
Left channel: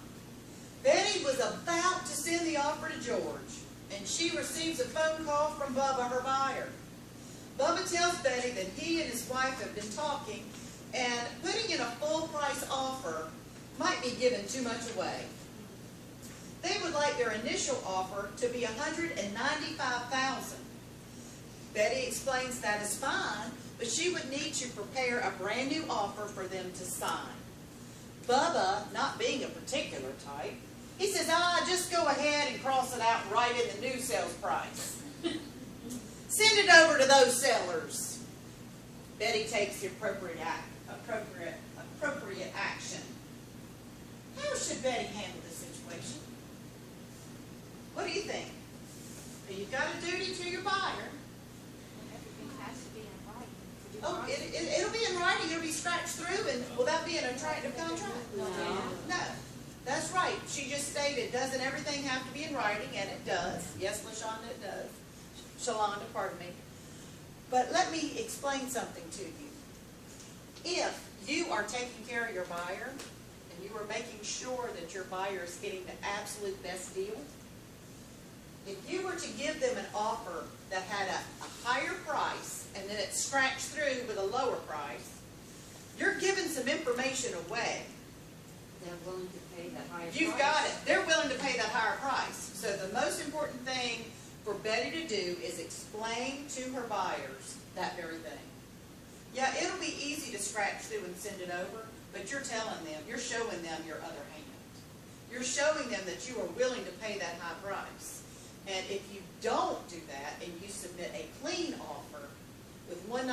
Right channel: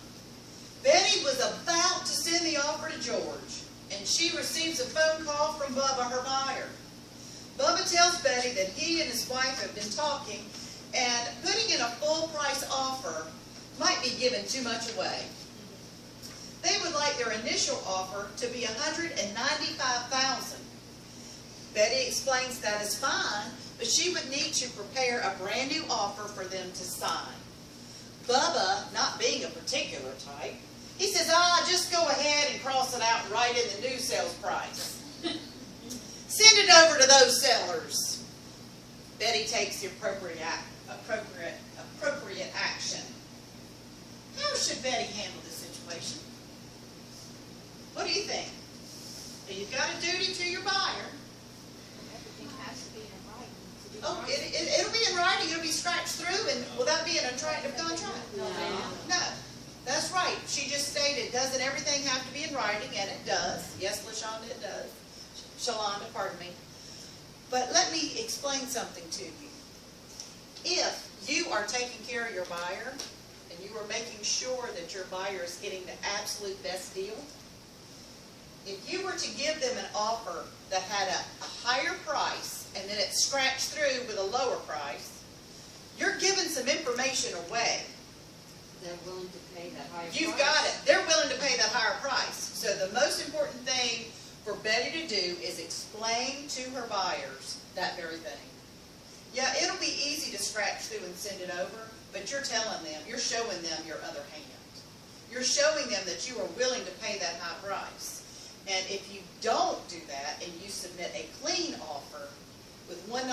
Betty was about to send the offer to George, and she receives a phone call from Bubba, her buyer. Bubba tells Betty that he and his wife have been talking, and putting in a full price offer might be giving too much away. They would like their initial offer to be $195,000. Betty explains that is fine, but she would need to prepare a brand new offer for them to sign. Bubba, not being a particular type, he says, just go ahead and cross it out and write in the new sales price. Send it over to those sellers. Betty takes the appropriate action. How should Betty handle this situation? What do you think? Now, you've got a duty to your buyer. Oh, it'll be in writing. It'll be scratched through. And will that be an attractive contract? No. That's right. She just stated, doesn't everything have to be in writing? And it does. Yes, LaShonda, it does. Shalonda, pardon me. But let me explain something to you. If you are taking care of your buyer and you are making sure that your buyer is getting the absolute best deal, if you were to give them an offer that had a higher price and then it's scratched through with a lower price, you're giving some information away. They're willing to pay that higher price. You've got it. They're willing to pay that higher price. So the most important thing for Betty to do is explain to her buyers that very thing. Yeah, it'll be easy to scratch through and send it over, but you're telling them, you're showing them your other hand. You're showing them that you are willing to pay that high price. And if you don't do that and you submit a clean offer with $195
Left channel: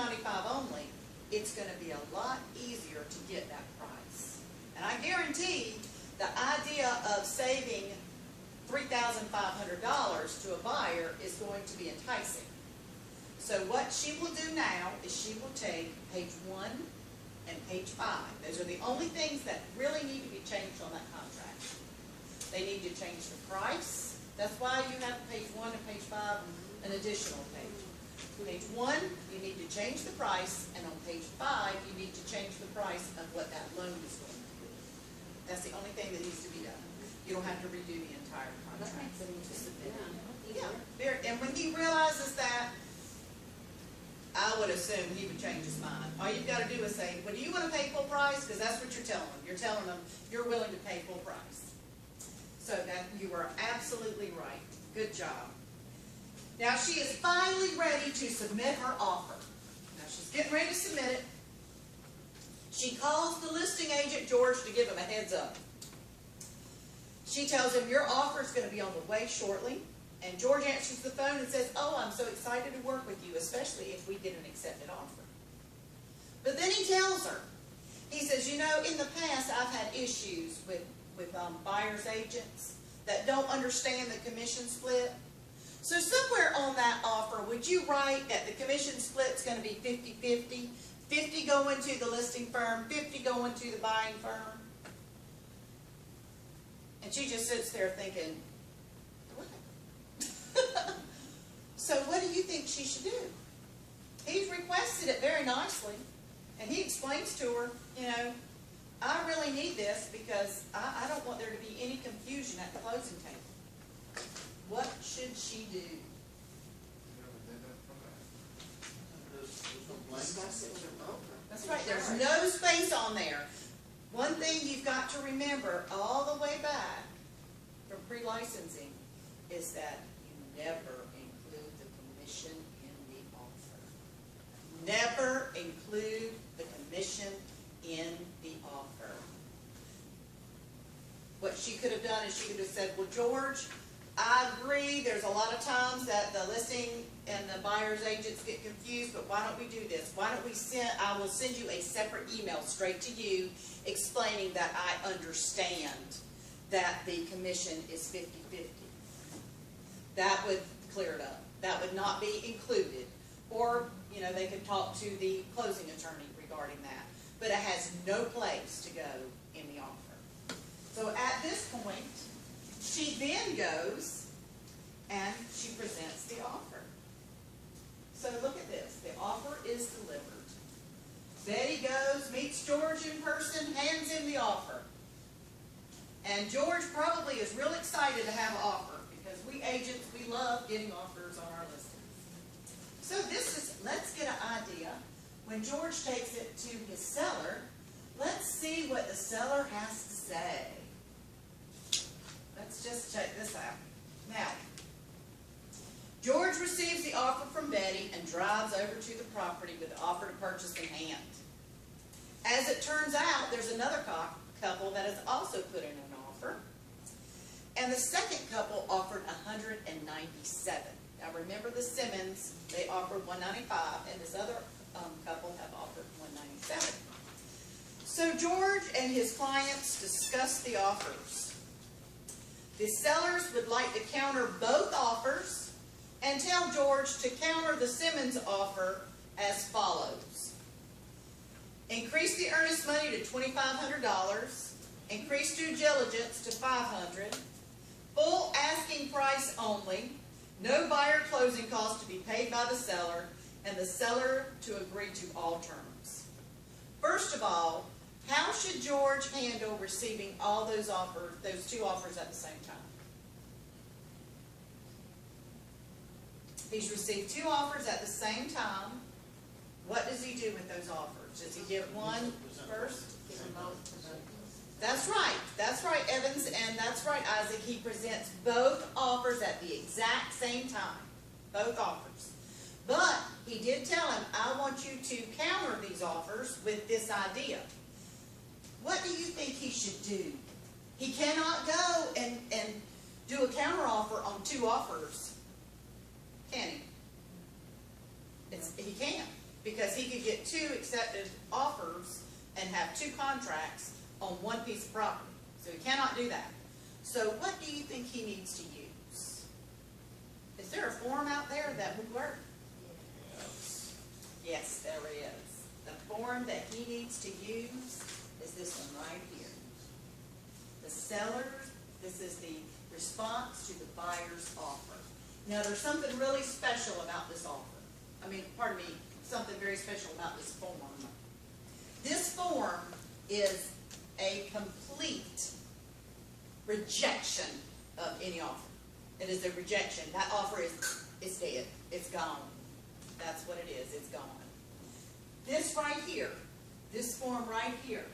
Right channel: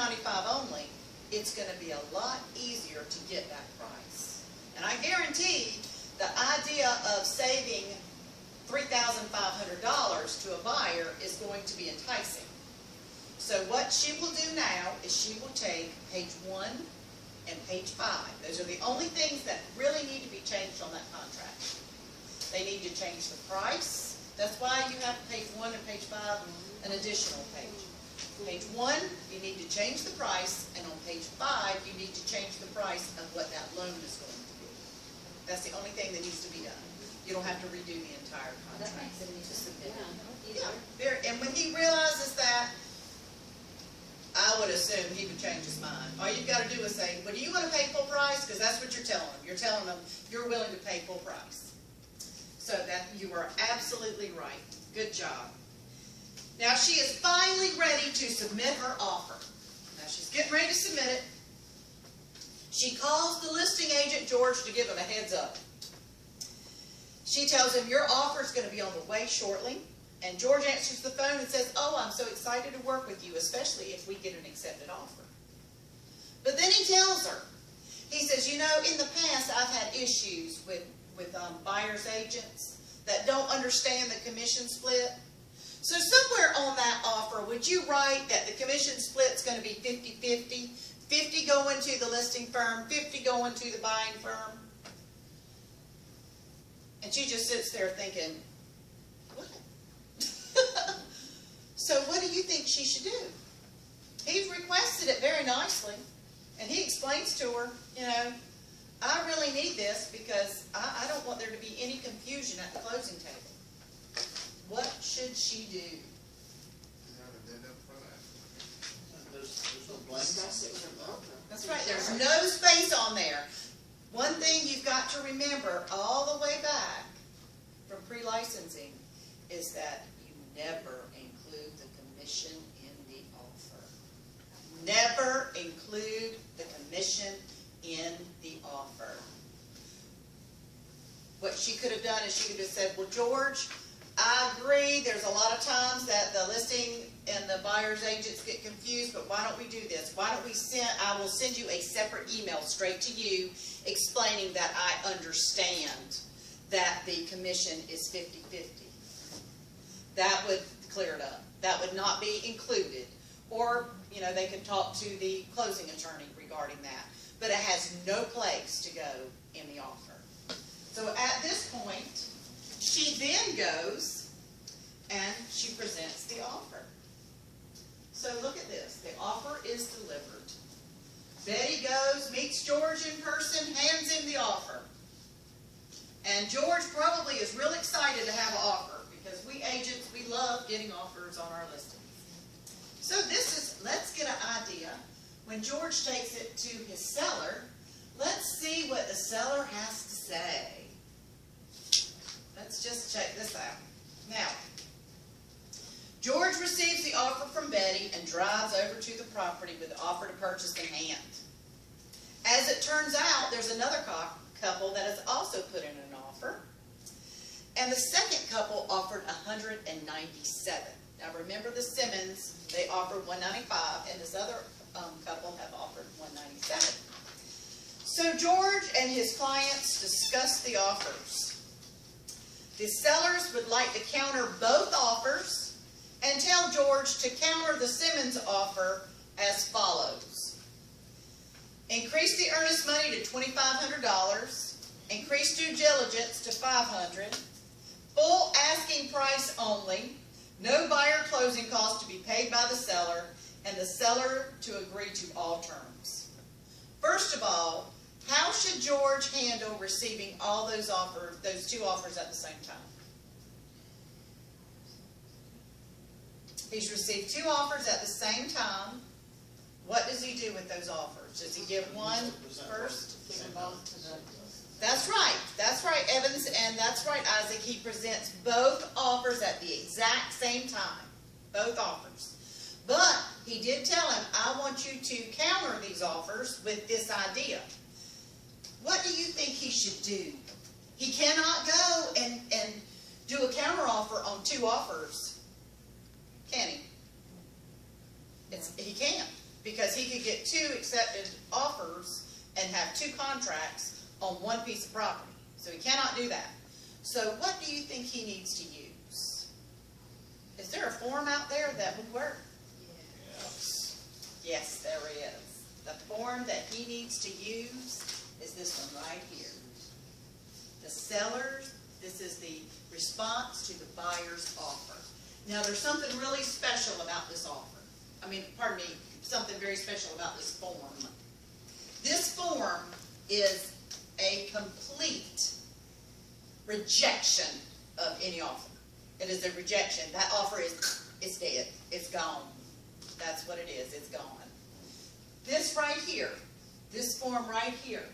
only, it's going to be a lot easier to get that price. And I guarantee the idea of saving $3,500 to a buyer is going to be enticing. So what she will do now is she will take page 1 and page 5. Those are the only things that really need to be changed on that contract. They need to change the price. That's why you have page 1 and page 5 an additional page. Page 1, you need to change the price, and on page 5, you need to change the price of what that loan is for. That's the only thing that needs to be done. You don't have to redo the entire That contract. makes it easier. Yeah, and when he realizes that, I would assume he would change his mind. All you've got to do is say, well, do you want to pay full price? Because that's what you're telling him. You're telling him you're willing to pay full price. So that you are absolutely right. Good job. Now she is finally ready to submit her offer. Now she's getting ready to submit it. She calls email straight to you explaining that I understand that the commission is 50-50. That would clear it up. That would not be included. Or, they could talk to the closing attorney regarding that. But it has no place to go in the offer. So at this point, she then goes and she presents the offer. So look at this. The offer is delivered. Betty goes, meets George in person, hands him the offer. And George probably is real excited to have an offer because we agents, we love getting offers on our listings. So let's get an idea. When George takes it to his seller, let's see what the seller has to say. Let's just check this out. Now, George receives the offer from Betty and drives over to the property with the offer to purchase in hand. As it turns out, there's another couple that has also put in an offer. And the second couple offered $197. Now remember the Simmons, they offered $195, and this other couple have offered $197. So George and his clients discussed the offers. The sellers would like to counter both offers and tell George to counter the Simmons offer as follows. Increase the earnest money to $2,500. Increase due diligence to $500. Full asking price only. No buyer closing costs to be paid by the seller, and the seller to agree to all terms. First of all, how should George handle receiving all those two offers at the same time? He's received two offers at the same time. What does he do with those offers? Does he give one first? Give them both to the. That's right, Evans, and that's right, Isaac. He presents both offers at the exact same time, both offers. But he did tell him, I want you to counter these offers with this idea. What do you think he should do? He cannot go and do a counter offer on two offers, can he? He can't, because he could get two accepted offers and have two contracts on one piece of property. So he cannot do that. So what do you think he needs to use? Is there a form out there that would work? Yes, there is. The form that he needs to use is this one right here. The seller's, this is the response to the buyer's offer. Now there's something really special about this offer. Something very special about this form. This form is a complete rejection of any offer. It is a rejection. That offer is dead. It's gone. That's what it is. It's gone. This right here, this form right here,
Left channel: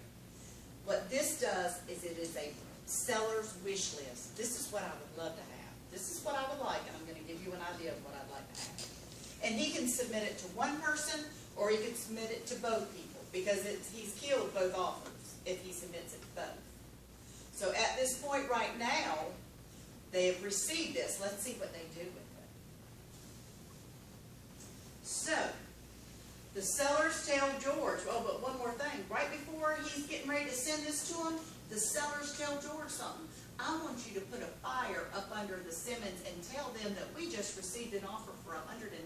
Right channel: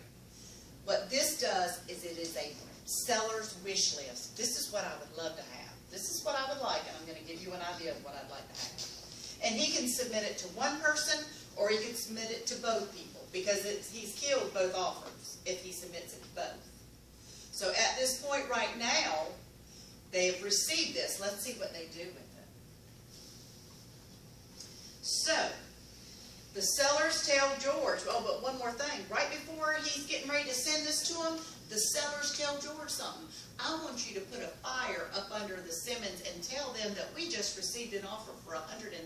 what this does is it is a seller's wish list. This is what I would love to have. This is what I would like, and I'm going to give you an idea of what I'd like to have. And he can submit it to one person, or he can submit it to both people, because he's killed both offers if he submits it to both. So at this point right now, they've received this. Let's see what they do with it. So, the sellers tell George, oh, but one more thing. Right before he's getting ready to send this to him, the sellers tell George something. I want you to put a fire up under the Simmons and tell them that we just received an offer for $197,000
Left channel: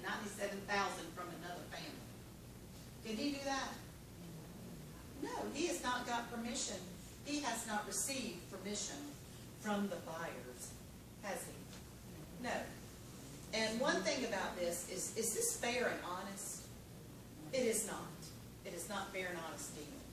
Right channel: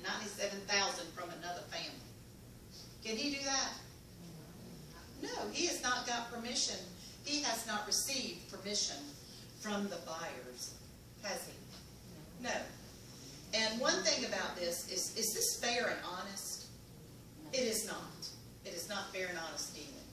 from another family. Can he do that? No, he has not got permission. He has not received permission from the buyers, has he? No. And one thing about this is this fair and honest? It is not. It is not fair and honest either.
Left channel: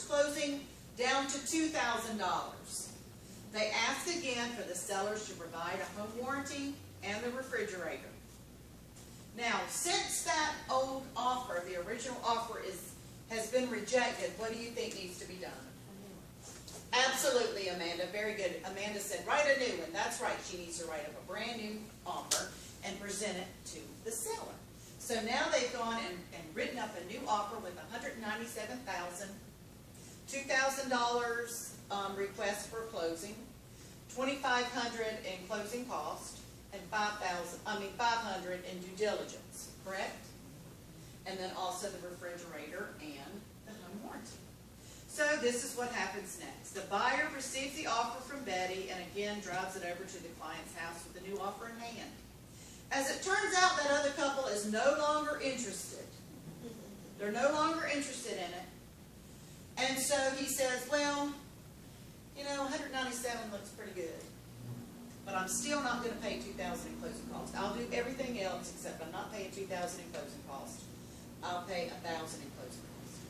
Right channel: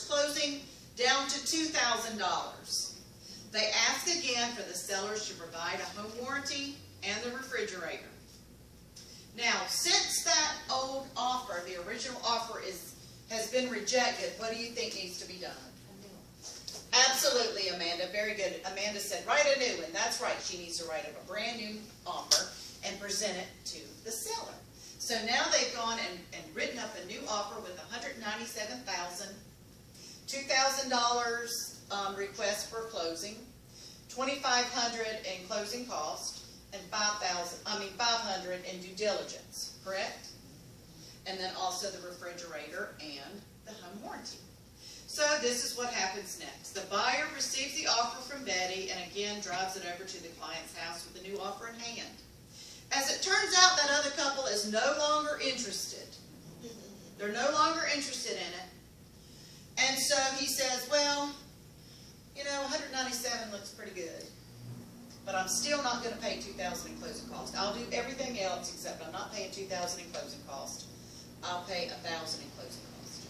average closing down to $2,000. They ask again for the sellers to provide a home warranty and the refrigerator. Now, since that old offer, the original offer has been rejected, what do you think needs to be done? Absolutely, Amanda, very good. Amanda said, write a new one. That's right, she needs to write up a brand new offer and present it to the seller. So now they've gone and written up a new offer with $197,000, $2,000 request for closing, $2,500 in closing cost, and $500 in due diligence, correct? And then also the refrigerator and the home warranty. So this is what happens next. The buyer receives the offer from Betty and again drives it over to the client's house with the new offer in hand. As it turns out, that other couple is no longer interested. They're no longer interested in it. And so he says, well, you know, 197 looks pretty good, but I'm still not going to pay $2,000 in closing costs. I'll do everything else except I'm not paying $2,000 in closing costs. I'll pay $1,000 in closing costs.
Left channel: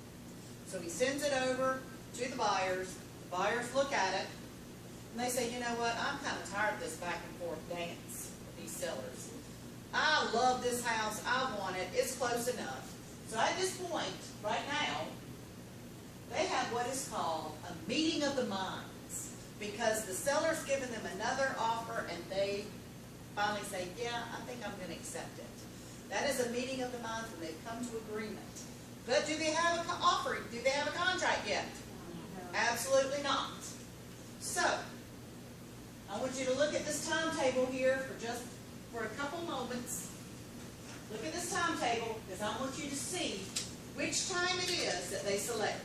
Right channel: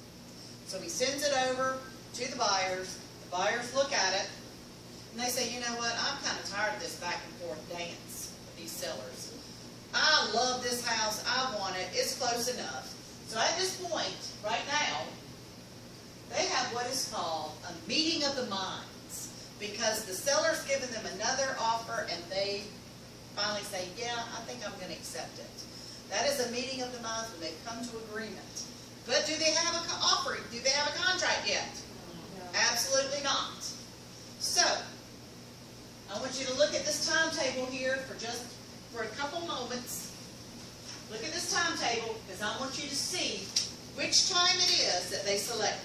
So he sends it over to the buyers. The buyers look at it, and they say, you know what, I'm kind of tired of this back and forth dance with these sellers. I love this house. I want it. It's close enough. So at this point, right now, they have what is called a meeting of the minds, because the seller's given them another offer and they finally say, yeah, I think I'm going to accept it. That is a meeting of the minds when they've come to agreement. But do they have an offer? Do they have a contract yet? Absolutely not. So, I want you to look at this timetable here for a couple moments. Look at this timetable, because I want you to see which time it is that they select